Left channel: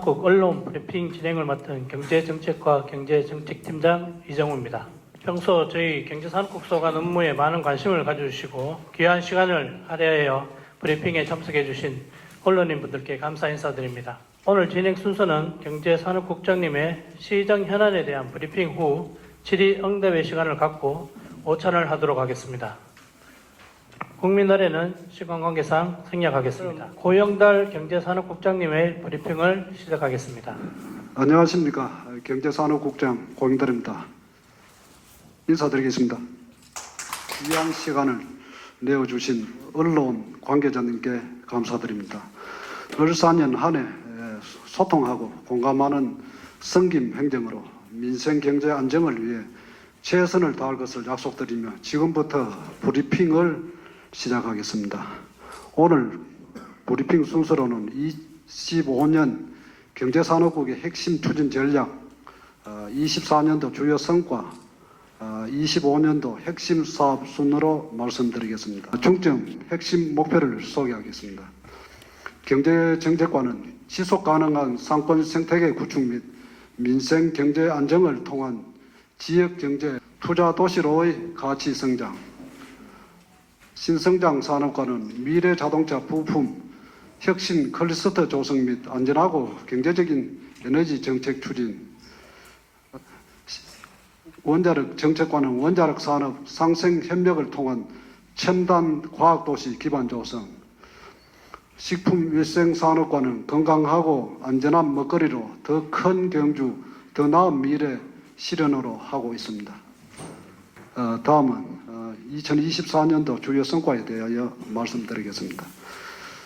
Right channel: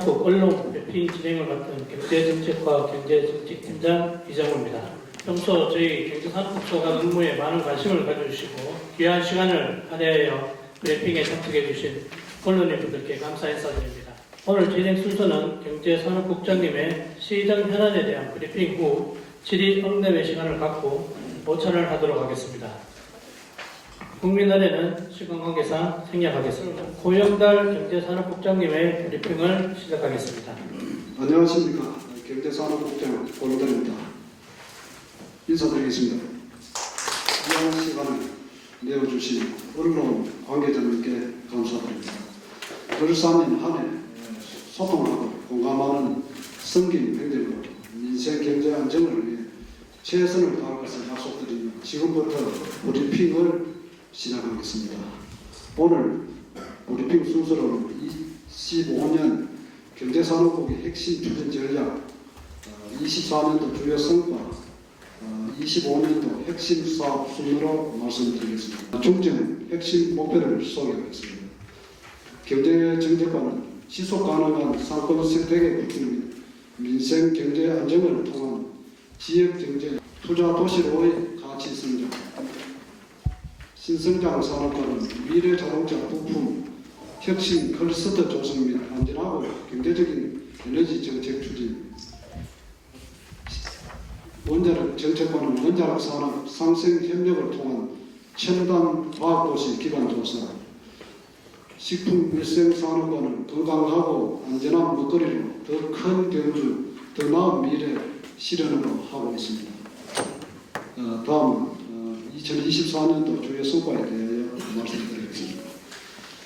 산업국 언론 브리핑 진행을 맡은 경제정책과 경제정책팀장 이정우입니다. 평소 저희 경제산업국 소관 업무에 많은 관심을 가져주시고 귀한 시간을 할애하여 브리핑에 참석해 주신 언론인분들께 감사 인사드립니다. 오늘 진행 순서는 경제산업국장님의 시정 현안에 대한 브리핑 후 질의 응답의 시간을 갖고 모찬을 하도록 하겠습니다. 국민의례는 시간 관계상 생략하겠습니다. 고영달 경제산업국장님의 브리핑을 시작하겠습니다. 안녕하십니까. 경제산업국장 고영달입니다. 인사드리겠습니다. 귀한 시간을 내어주신 언론 관계자님께 감사드립니다. 을사년 한 해 소통하고 공감하는 성김 행정으로 민생 경제 안정을 위해 최선을 다할 것을 약속드리며 지금부터 브리핑을 시작하겠습니다. 오늘 브리핑 순서로는 25년 경제산업국의 핵심 추진 전략, 24년도 주요 성과, 25년도 핵심 사업 순으로 말씀드리겠습니다. 중점 핵심 목표를 소개하겠습니다. 경제정책과는 지속가능한 상권 생태계 구축 및 민생 경제 안정을 통한 지역경제 투자 도시로의 가치 성장, 신성장 산업과는 미래 자동차 부품 혁신 클러스터 조성 및 안전하고 경제적인 에너지 정책 추진, 원자력 정책과는 원자력 산업 상생 협력을 통한 첨단 과학도시 기반 조성, 식품위생산업과는 건강하고 안전한 먹거리로 더 큰 경주, 더 나은 미래 실현으로 하고 있습니다. 다음은 2024년도 주요 성과에 대하여 말씀드리겠습니다.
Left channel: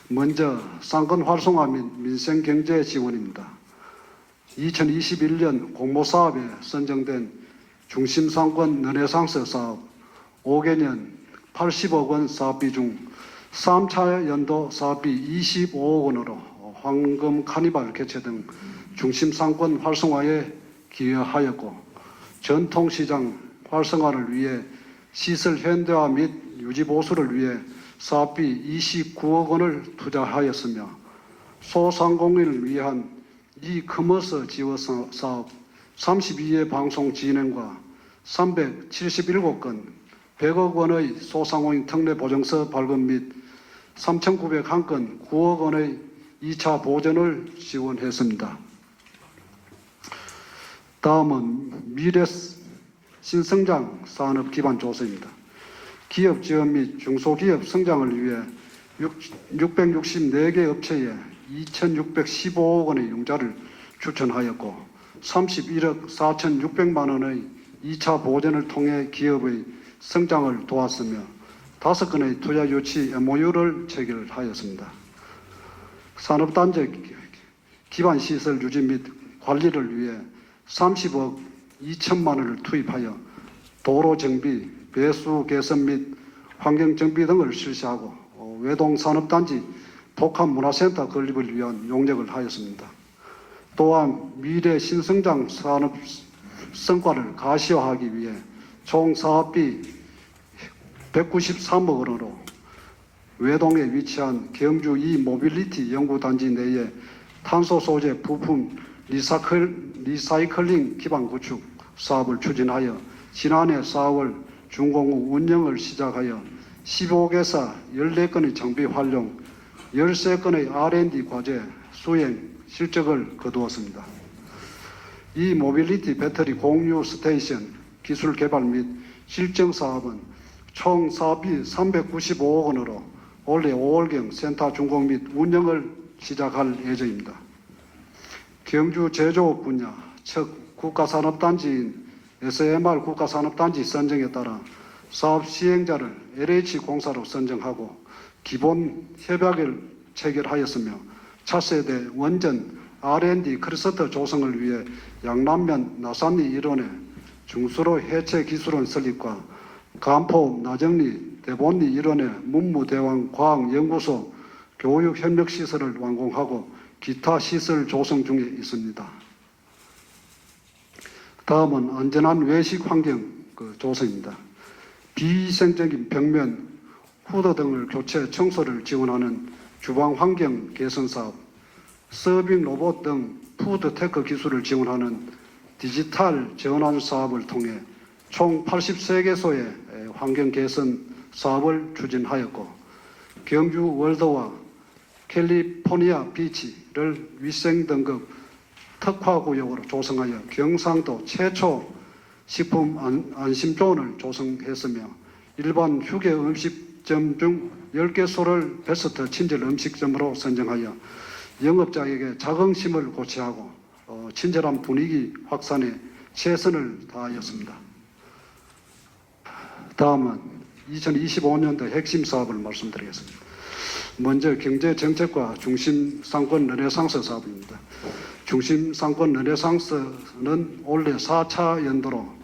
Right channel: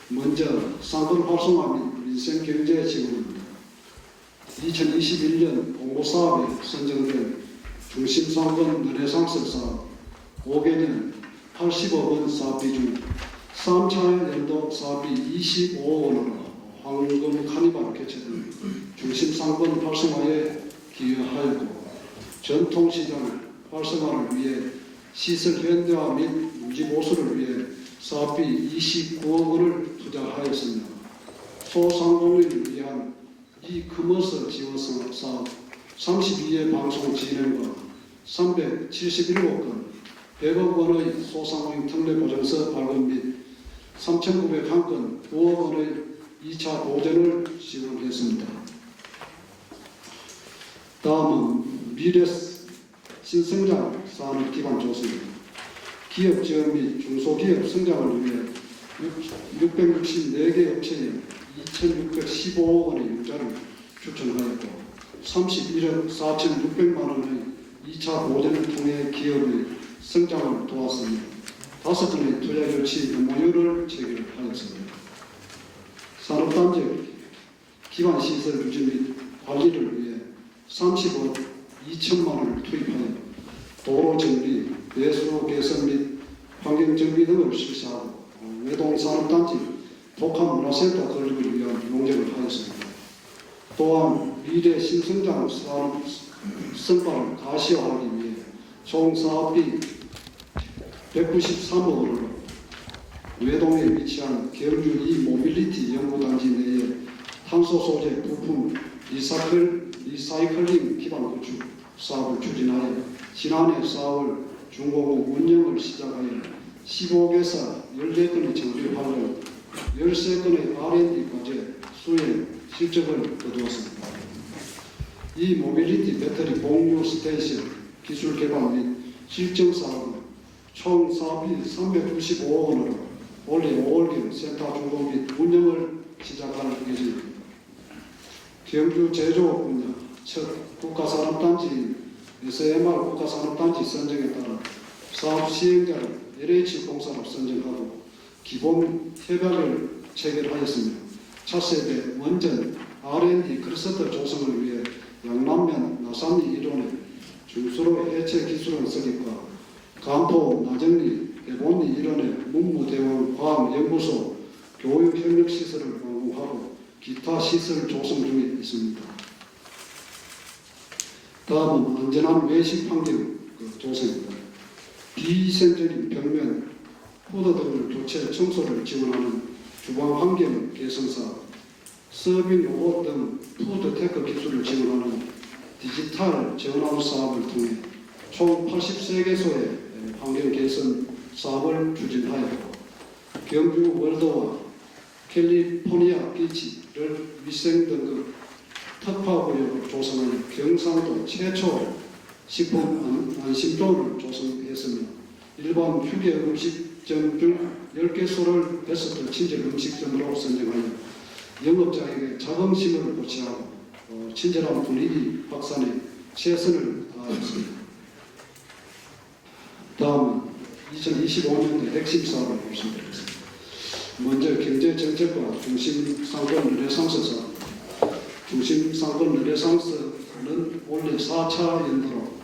먼저 상권 활성화 및 민생 경제 지원입니다. 2021년 공모사업에 선정된 중심상권 르네상스 사업 5개년 80억 원 사업비 중 3차 연도 사업비 25억 원으로 황금 카니발 개최 등 중심상권 활성화에 기여하였고 전통시장 활성화를 위해 시설 현대화 및 유지 보수를 위해 사업비 29억 원을 투자하였으며 소상공인을 위한 이커머스 지원 사업 32회 방송 진행과 377건 100억 원의 소상공인 특례 보증서 발급 및 3,901건 9억 원의 2차 보전을 지원했습니다. 다음은 미래 신성장 산업 기반 조성입니다. 기업 지원 및 중소기업 성장을 위해 664개 업체에 2,615억 원의 융자를 추천하였고 31억 4,600만 원의 2차 보전을 통해 기업의 성장을 도왔으며 5건의 투자 유치 MOU를 체결하였습니다. 산업단지 기반 시설 유지 및 관리를 위해 30억 2천만 원을 투입하여 도로 정비, 배수 개선 및 환경 정비 등을 실시하고 외동 산업단지 독한 문화센터 건립을 위한 용적을 하였습니다. 또한 미래 신성장 산업 성과를 가시화하기 위해 총 사업비 193억 원으로 외동에 위치한 경주 모빌리티 연구단지 내에 탄소 소재 부품 리사이클링 기반 구축 사업을 추진하여 지난해 4월 준공후 운영을 시작하여 15개사 14건의 장비 활용, 13건의 R&D 과제 수행 실적을 거두었습니다. 이 모빌리티 배터리 공유 스테이션 기술 개발 및 실증 사업은 총 사업비 395억 원으로 올해 5월경 센터 준공 및 운영을 시작할 예정입니다. 경주 제조업 분야 첫 국가산업단지인 SMR 국가산업단지 선정에 따라 사업 시행자를 LH공사로 선정하고 기본 협약을 체결하였으며 차세대 원전 R&D 클러스터 조성을 위해 양남면 나산리 일원에 중수로 해체 기술원 설립과 간포 나정리 대본리 일원에 문무대왕 과학연구소 교육협력시설을 완공하고 기타 시설 조성 중에 있습니다. 다음은 안전한 외식 환경 조성입니다. 비위생적인 벽면, 후드 등을 교체, 청소를 지원하는 주방 환경 개선 사업, 서빙 로봇 등 푸드테크 기술을 지원하는 디지털 전환 사업을 통해 총 83개소의 환경 개선 사업을 추진하였고, 경주 월드와 캘리포니아 비치를 위생 등급 특화구역으로 조성하여 경상도 최초 식품 안심존을 조성했으며, 일반 휴게 음식점 중 10개소를 베스트 친절 음식점으로 선정하여 영업자에게 자긍심을 고취하고 친절한 분위기 확산에 최선을 다하였습니다. 다음은 2025년도 핵심 사업을 말씀드리겠습니다. 먼저 경제정책과 중심상권 르네상스 사업입니다. 중심상권 르네상스는 올해 4차 연도로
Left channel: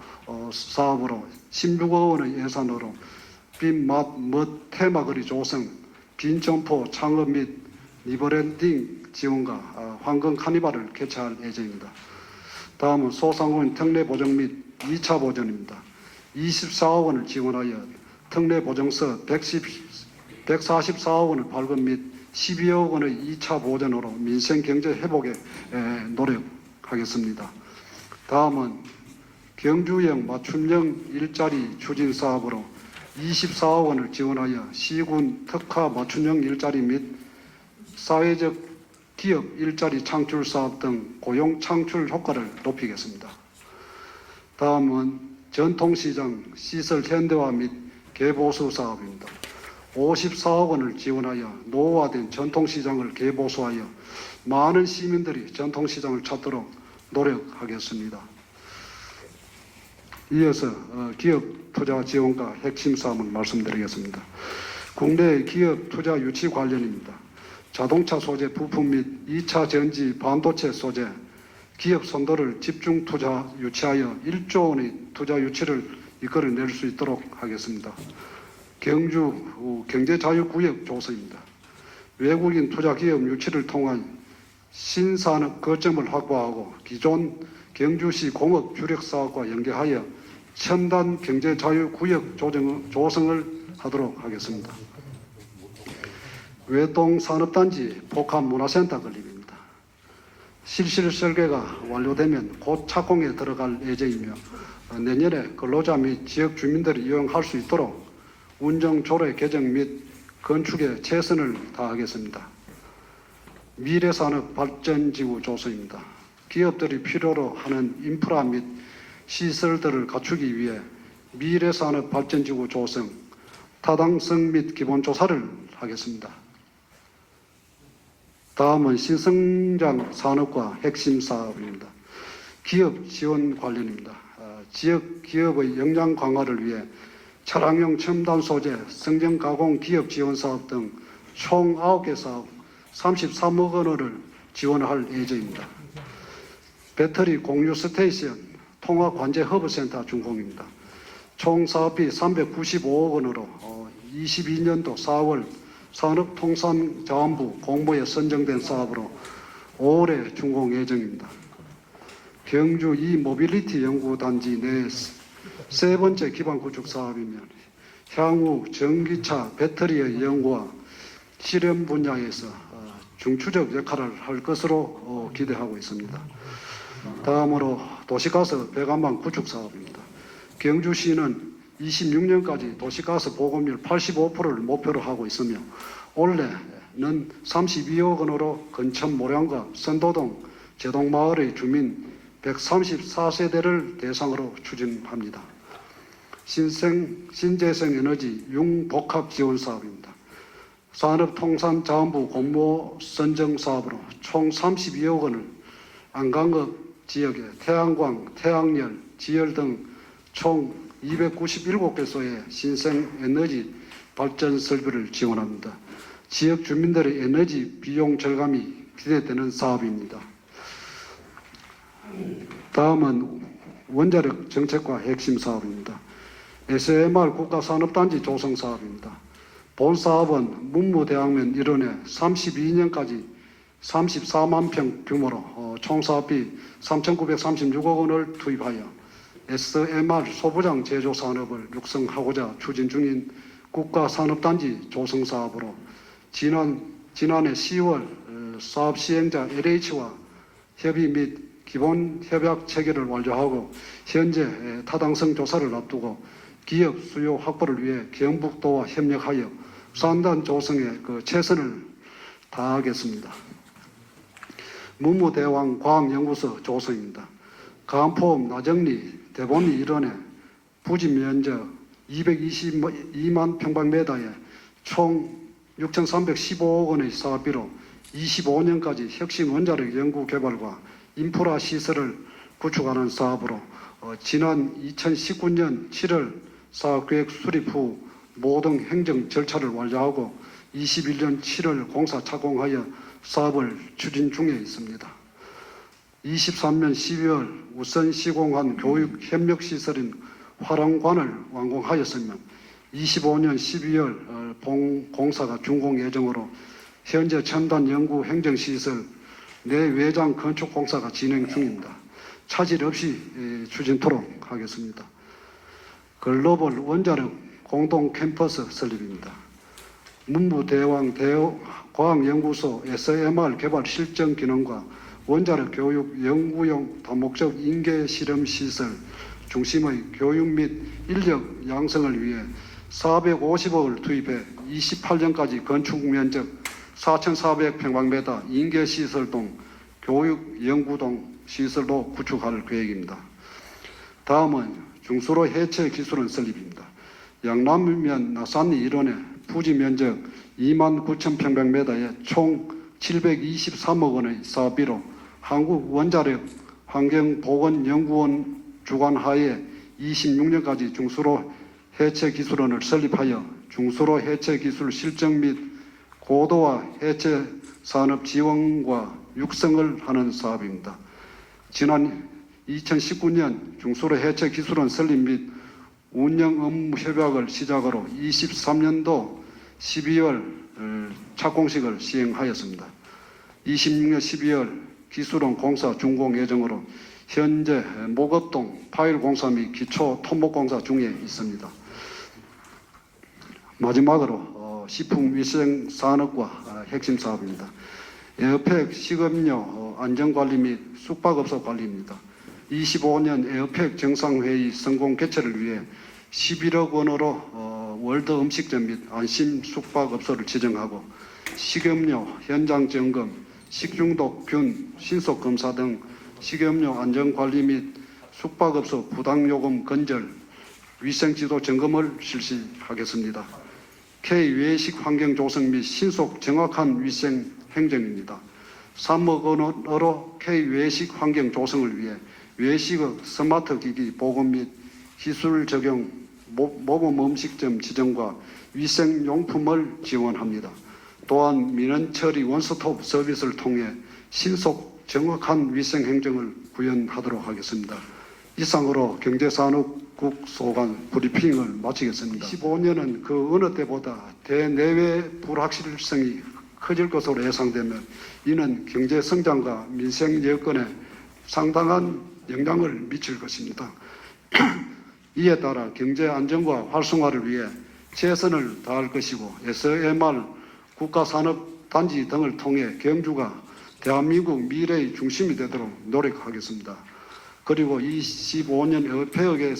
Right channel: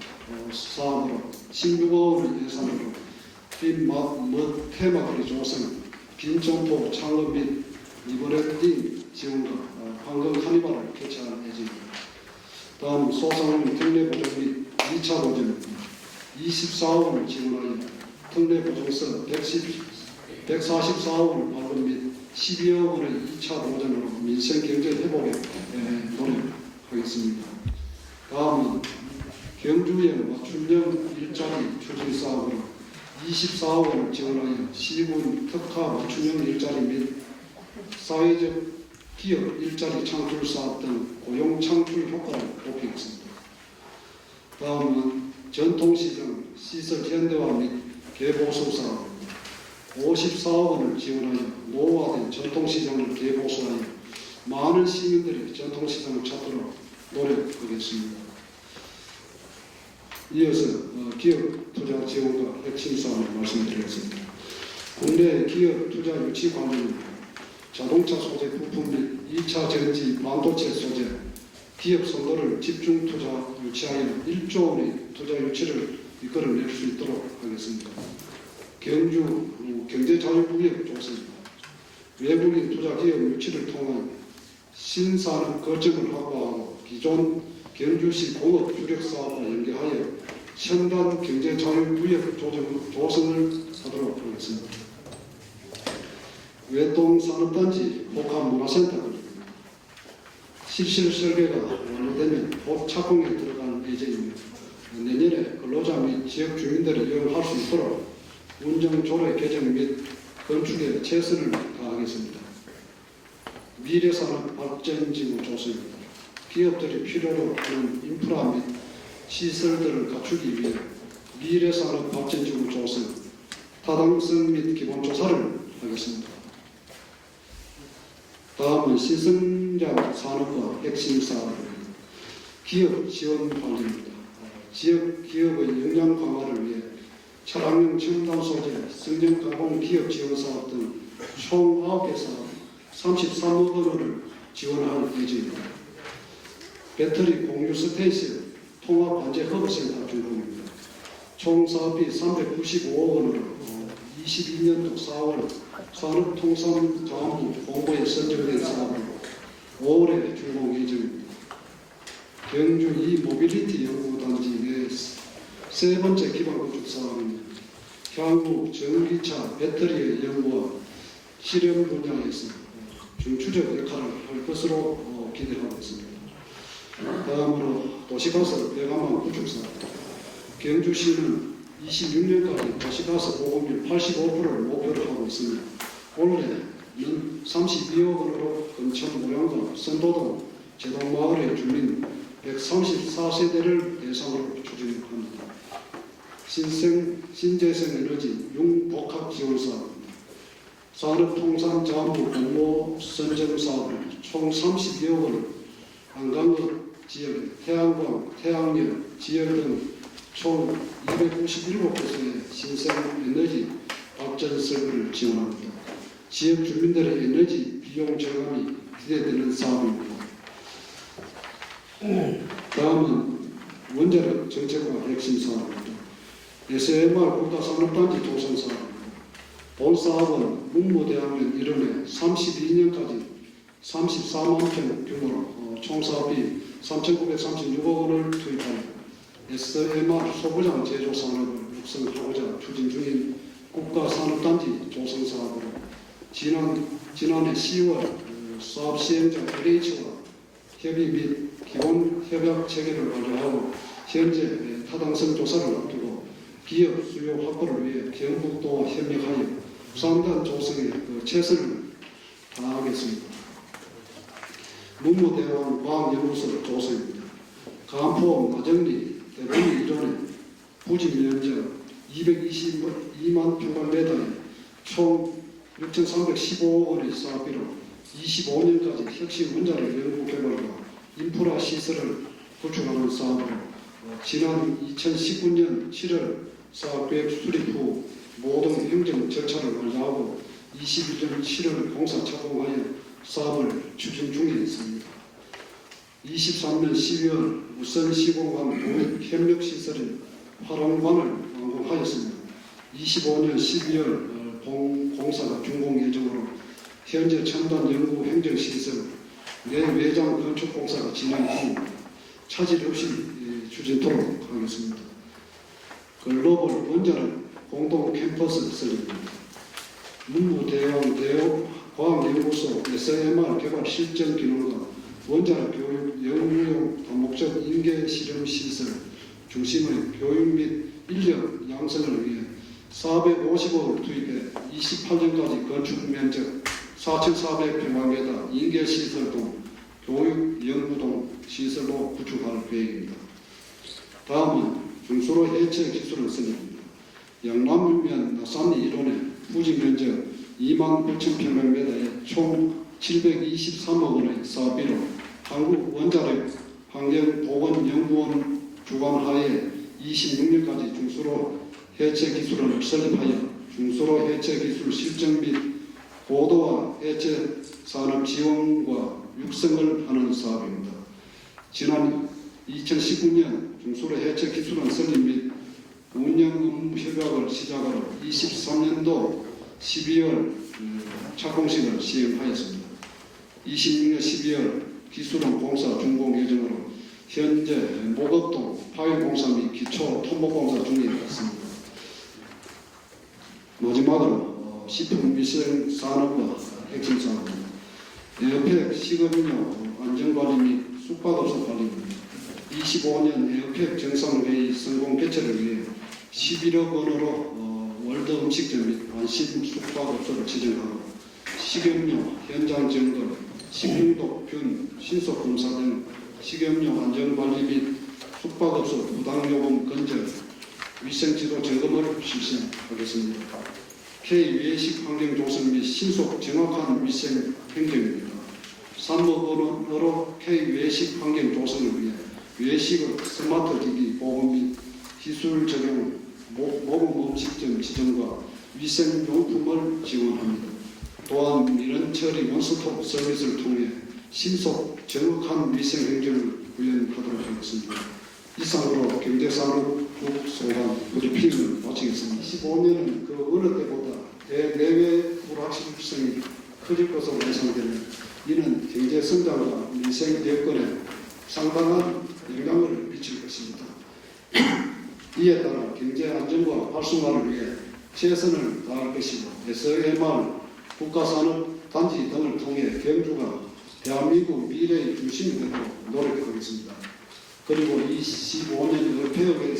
사업으로 16억 원의 예산으로 빈맛 테마거리 조성, 빈점포 창업 및 리브랜딩 지원과 황금 카니발을 개최할 예정입니다. 다음은 소상공인 특례 보정 및 2차 보전입니다. 24억 원을 지원하여 특례 보정서 144억 원을 발급 및 12억 원의 2차 보전으로 민생 경제 회복에 노력하겠습니다. 다음은 경주형 맞춤형 일자리 추진 사업으로 24억 원을 지원하여 시군 특화 맞춤형 일자리 및 사회적 기업 일자리 창출 사업 등 고용 창출 효과를 높이겠습니다. 다음은 전통시장 시설 현대화 및 개보수 사업입니다. 54억 원을 지원하여 노후화된 전통시장을 개보수하여 많은 시민들이 전통시장을 찾도록 노력하겠습니다. 이어서 기업 투자 지원과 핵심 사업을 말씀드리겠습니다. 국내 기업 투자 유치 관련입니다. 자동차 소재 부품 및 2차 전지 반도체 소재 기업 선도를 집중 투자 유치하여 1조 원의 투자 유치를 이끌어낼 수 있도록 하겠습니다. 경주 경제자유구역 조성입니다. 외국인 투자 기업 유치를 통한 신산업 거점을 확보하고 기존 경주시 공업 주력 사업과 연계하여 첨단 경제자유구역 조성을 하도록 하겠습니다. 외동산업단지 복합문화센터 건립입니다. 실실 설계가 완료되면 곧 착공에 들어갈 예정이며 내년에 근로자 및 지역 주민들이 이용할 수 있도록 운정 조례 개정 및 건축에 최선을 다하겠습니다. 미래산업 발전지구 조성입니다. 기업들이 필요로 하는 인프라 및 시설들을 갖추기 위해 미래산업 발전지구 조성, 타당성 및 기본조사를 하겠습니다. 다음은 신성장 산업과 핵심 사업입니다. 기업 지원 관련입니다. 지역 기업의 역량 강화를 위해 차량용 첨단 소재, 성장 가공 기업 지원 사업 등 총 9개 사업 33억 원을 지원할 예정입니다. 배터리 공유 스테이션 통합 관제 허브센터 준공입니다. 총 사업비 395억 원으로 22년도 4월 산업통상자원부 공모에 선정된 사업으로 5월에 준공 예정입니다. 경주 이모빌리티 연구단지 내 세 번째 기반구축 사업이며 향후 전기차 배터리의 연구와 실험 분야에서 중추적 역할을 할 것으로 기대하고 있습니다. 다음으로 도시가스 배관망 구축 사업입니다. 경주시는 26년까지 도시가스 보급률 85%를 목표로 하고 있으며 올해는 32억 원으로 근천 모량과 선도동 제동마을의 주민 134세대를 대상으로 추진합니다. 신재생 에너지 융복합 지원 사업입니다. 산업통상자원부 공모 선정 사업으로 총 32억 원을 안강읍 지역에 태양광, 태양열, 지열 등 총 297개소의 신생에너지 발전 설비를 지원합니다. 지역 주민들의 에너지 비용 절감이 기대되는 사업입니다. 다음은 원자력 정책과 핵심 사업입니다. SMR 국가산업단지 조성 사업입니다. 본 사업은 문무대학면 일원에 32년까지 34만 평 규모로 총 사업비 3,936억 원을 투입하여 SMR 소부장 제조 산업을 육성하고자 추진 중인 국가산업단지 조성 사업으로 지난해 10월 사업 시행자 LH와 협의 및 기본 협약 체계를 완료하고 현재 타당성 조사를 앞두고 기업 수요 확보를 위해 경북도와 협력하여 수산단 조성에 최선을 다하겠습니다. 문무대왕 과학연구소 조성입니다. 간포 나정리 대본리 일원에 부지 면적 222만 평방미터에 총 6,315억 원의 사업비로 25년까지 혁신 원자력 연구 개발과 인프라 시설을 구축하는 사업으로 지난 2019년 7월 사업계획 수립 후 모든 행정 절차를 완료하고 21년 7월 공사 착공하여 사업을 추진 중에 있습니다. 23년 12월 우선 시공한 교육 협력 시설인 화랑관을 완공하였으며 25년 12월 공사가 준공 예정으로 현재 첨단 연구 행정 시설 내외장 건축 공사가 진행 중입니다. 차질 없이 추진토록 하겠습니다. 글로벌 원자력 공동 캠퍼스 설립입니다. 문무대왕 과학연구소 SMR 개발 실정 기능과 원자력 교육 연구용 다목적 인계 실험 시설 중심의 교육 및 인력 양성을 위해 450억을 투입해 28년까지 건축 면적 4,400평방미터 인계 시설동 교육 연구동 시설로 구축할 계획입니다. 다음은 중수로 해체 기술원 설립입니다. 양남면 나산리 일원에 부지 면적 29,000평방미터에 총 723억 원의 사업비로 한국원자력 환경보건연구원 주관하에 26년까지 중수로 해체 기술원을 설립하여 중수로 해체 기술 실증 및 고도화 해체 산업 지원과 육성을 하는 사업입니다. 지난 2019년 중수로 해체 기술원 설립 및 운영 업무 협약을 시작으로 23년도 12월 착공식을 시행하였습니다. 26년 12월 기술원 공사 준공 예정으로 현재 목업동 파일 공사 및 기초 토목 공사 중에 있습니다. 마지막으로 식품위생산업과 핵심 사업입니다. 에어팩 식음료 안전관리 및 숙박업소 관리입니다. 25년 에어팩 정상회의 성공 개최를 위해 11억 원으로 월드 음식점 및 안심 숙박업소를 지정하고 식음료 현장 점검, 식중독 균 신속 검사 등 식음료 안전관리 및 숙박업소 부당요금 건절, 위생지도 점검을 실시하겠습니다. K 외식 환경 조성 및 신속 정확한 위생 행정입니다. 3억 원으로 K 외식 환경 조성을 위해 외식업 스마트 기기 보건 및 기술 적용 모범 음식점 지정과 위생용품을 지원합니다. 또한 민원 처리 원스톱 서비스를 통해 신속 정확한 위생 행정을 구현하도록 하겠습니다. 이상으로 경제산업국 소관 브리핑을 마치겠습니다. 15년은 그 어느 때보다 대내외 불확실성이 커질 것으로 예상되며 이는 경제 성장과 민생 여건에 상당한 영향을 미칠 것입니다. 이에 따라 경제 안정과 활성화를 위해 최선을 다할 것이고 SMR 국가산업단지 등을 통해 경주가 대한민국 미래의 중심이 되도록 노력하겠습니다. 그리고 25년 에어페어에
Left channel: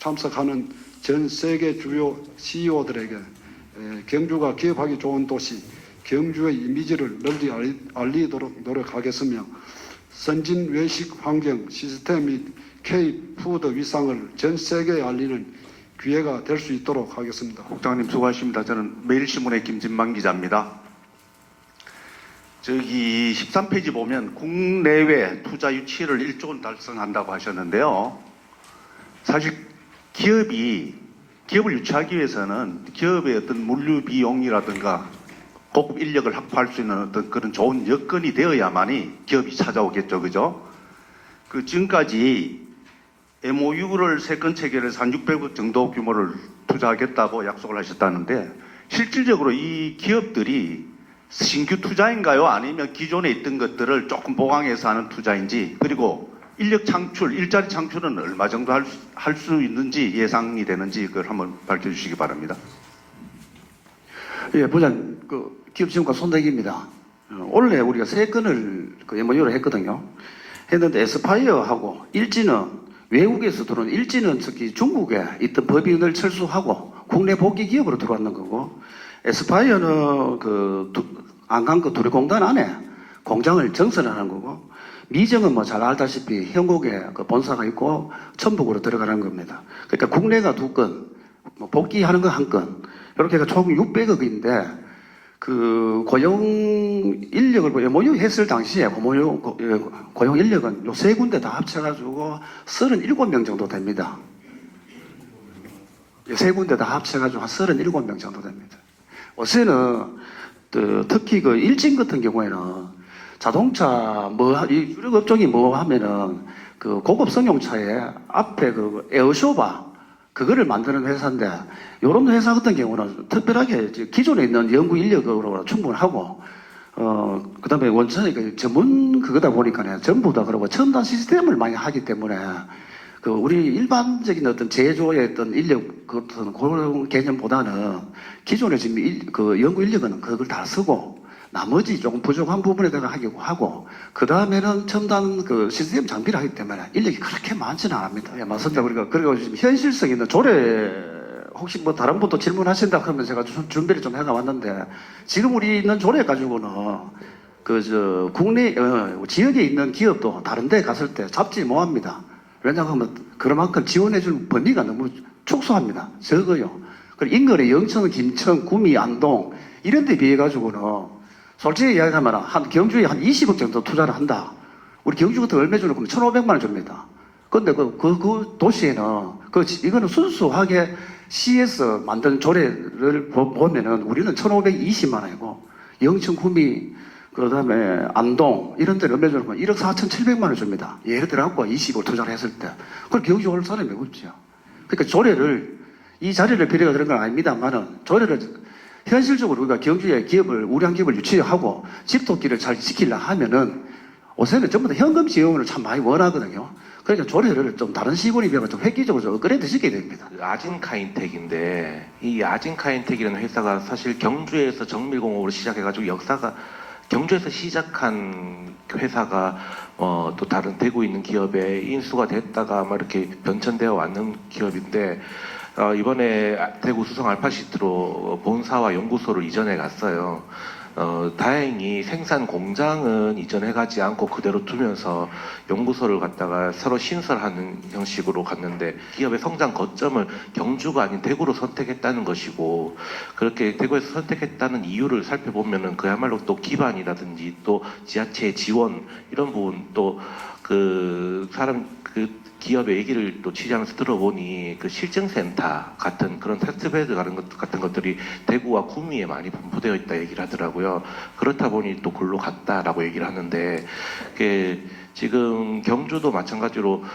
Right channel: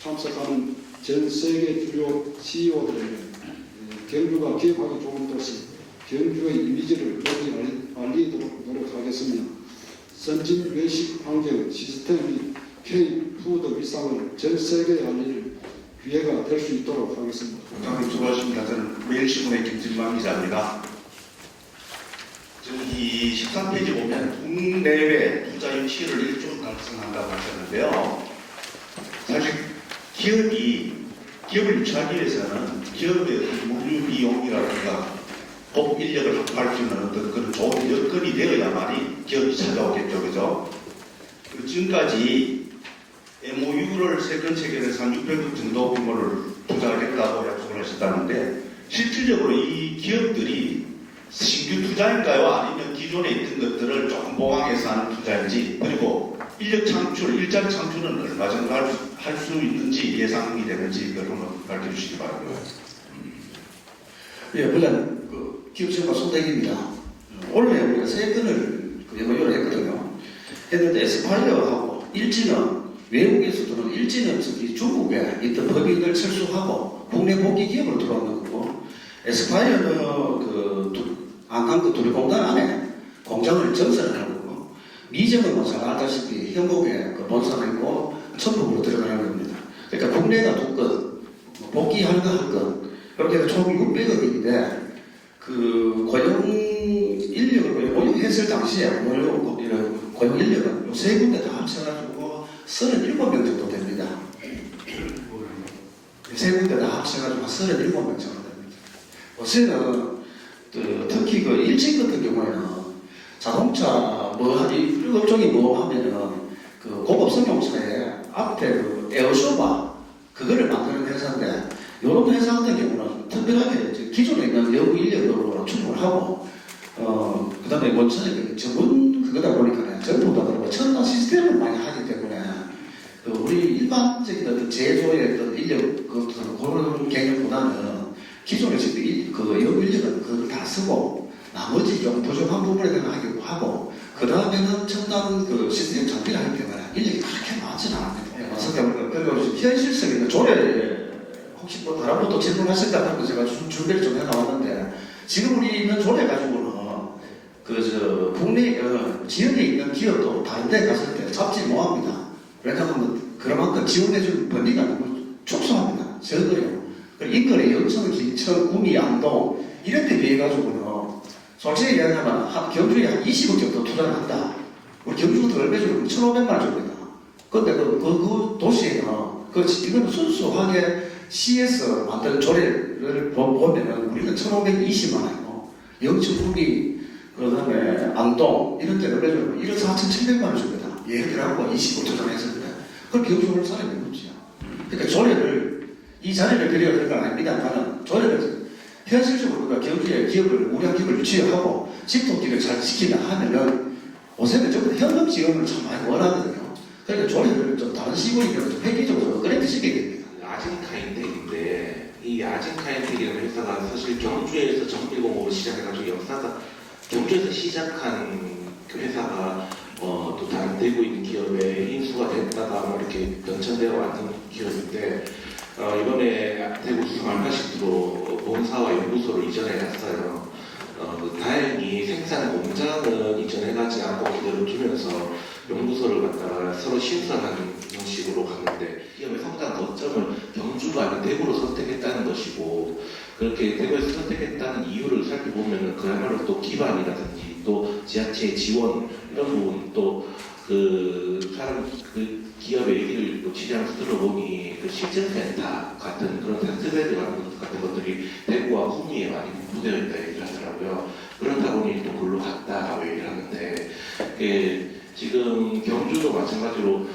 참석하는 전 세계 주요 CEO들에게 경주가 기업하기 좋은 도시, 경주의 이미지를 널리 알리도록 노력하겠으며 선진 외식 환경 시스템 및 K-푸드 위상을 전 세계에 알리는 기회가 될 수 있도록 하겠습니다. 국장님 수고하십니다. 저는 매일신문의 김진만 기자입니다. 저기 13페이지 보면 국내외 투자 유치를 1조 달성한다고 하셨는데요. 사실 기업을 유치하기 위해서는 기업의 어떤 물류 비용이라든가 꼭 인력을 확보할 수 있는 어떤 그런 좋은 여건이 되어야만이 기업이 찾아오겠죠. 그죠? 지금까지 MOU를 3건 체결해서 한 600억 정도 규모를 투자하겠다고 약속을 하셨다는데 실질적으로 이 기업들이 신규 투자인가요? 아니면 기존에 있던 것들을 조금 보강해서 하는 투자인지, 그리고 인력 창출, 일자리 창출은 얼마 정도 할 수 있는지 예상이 되는지 그걸 한번 밝혀주시기 바랍니다. 예, 부장 기업청과 손대기입니다. 원래 우리가 세 건을 그 MOU를 했거든요. 했는데 에스파이어하고 일지는 외국에서 들어온 일지는 특히 중국에 있던 법인을 철수하고 국내 복귀 기업으로 들어왔는 거고, 에스파이어는 그 안강그 도리공단 안에 공장을 증설하는 거고, 미정은 뭐 잘 알다시피 현곡에 그 본사가 있고 천북으로 들어가는 겁니다. 그러니까 국내가 2건, 뭐 복귀하는 거 1건, 이렇게 해서 총 600억인데 그 고용 인력을 MOU 했을 당시에 고용 인력은 요 세 군데 다 합쳐가지고 37명 정도 됩니다. 세 군데 다 합쳐가지고 한 37명 정도 됩니다. 요새는 특히 그 일진 같은 경우에는 자동차 이 업종이 뭐 하면은 그 고급 승용차에 앞에 그 에어쇼바 그거를 만드는 회사인데, 이런 회사 같은 경우는 특별하게 기존에 있는 연구 인력으로 충분하고, 그 다음에 원천에 그 전문 그거다 보니까 전부 다 그러고 첨단 시스템을 많이 하기 때문에 그 우리 일반적인 어떤 제조의 어떤 인력 그런 개념보다는 기존에 지금 그 연구 인력은 그걸 다 쓰고 나머지 좀 부족한 부분에 대해서 하기도 하고, 그 다음에는 첨단 그 시스템 장비를 하기 때문에 인력이 그렇게 많지는 않습니다. 예, 맞습니다. 우리가 그리고 현실성 있는 조례 혹시 뭐 다른 것도 질문하신다 그러면 제가 준비를 좀 해나왔는데, 지금 우리 있는 조례 가지고는 국내 지역에 있는 기업도 다른 데 갔을 때 잡지 못합니다. 왜냐하면 그만큼 지원해줄 범위가 너무 축소합니다. 적어요. 그리고 인근의 영천, 김천, 구미, 안동 이런 데 비해 가지고는 솔직히 이야기하면 경주에 한 20억 정도 투자를 한다. 우리 경주 같은 얼마 주로 1,500만 원 줍니다. 근데 그 도시에는 이거는 순수하게 시에서 만든 조례를 보면은 우리는 1,520만 원이고, 영천, 구미, 그 다음에 안동 이런 데는 얼마 주로 1억 4,700만 원 줍니다. 예를 들어 20억 투자를 했을 때. 그걸 경주 올 사람이 없죠. 그러니까 조례를, 이 자리를 필요가 그런 건 아닙니다만은 조례를 현실적으로 우리가 경주에 우량 기업을 유치하고 집토끼를 잘 지키려 하면은 요새는 전부 다 현금 지원을 참 많이 원하거든요. 그러니까 조례를 좀 다른 시골이 되면 좀 획기적으로 좀 업그레이드 시켜야 됩니다. 아진카인텍인데, 이 아진카인텍이라는 회사가 사실 경주에서 정밀공업으로 시작해가지고 역사가 경주에서 시작한 회사가 또 다른 대구에 있는 기업에 인수가 됐다가 아마 이렇게 변천되어 왔는 기업인데, 이번에 대구 수성 알파시티로 본사와 연구소를 이전해 갔어요. 다행히 생산 공장은 이전해가지 않고 그대로 두면서 연구소를 갖다가 서로 신설하는 형식으로 갔는데, 기업의 성장 거점을 경주가 아닌 대구로 선택했다는 것이고, 그렇게 대구에서 선택했다는 이유를 살펴보면은 그야말로 또 기반이라든지 또 지자체 지원 이런 부분, 또 기업의 얘기를 또 취재하면서 들어보니 그 실증센터 같은 그런 테스트베드 같은 것들이 대구와 구미에 많이 분포되어 있다 얘기를 하더라고요. 그렇다 보니 또 글로 갔다라고 얘기를 하는데, 지금 경주도 마찬가지로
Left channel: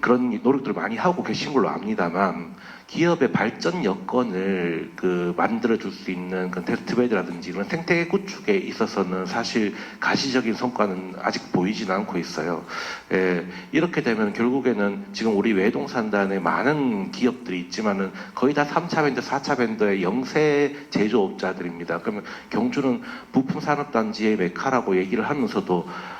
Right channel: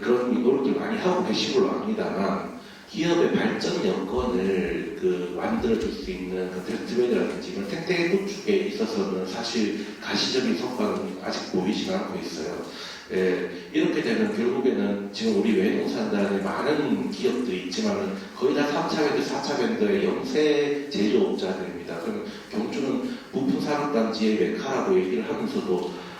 그런 노력들을 많이 하고 계신 걸로 압니다만, 기업의 발전 여건을 만들어줄 수 있는 그 테스트베드라든지 그런 생태 구축에 있어서는 사실 가시적인 성과는 아직 보이지는 않고 있어요. 이렇게 되면 결국에는 지금 우리 외동산단에 많은 기업들이 있지만은 거의 다 3차 밴드, 4차 밴드의 영세 제조업자들입니다. 그러면 경주는 부품산업단지의 메카라고 얘기를 하면서도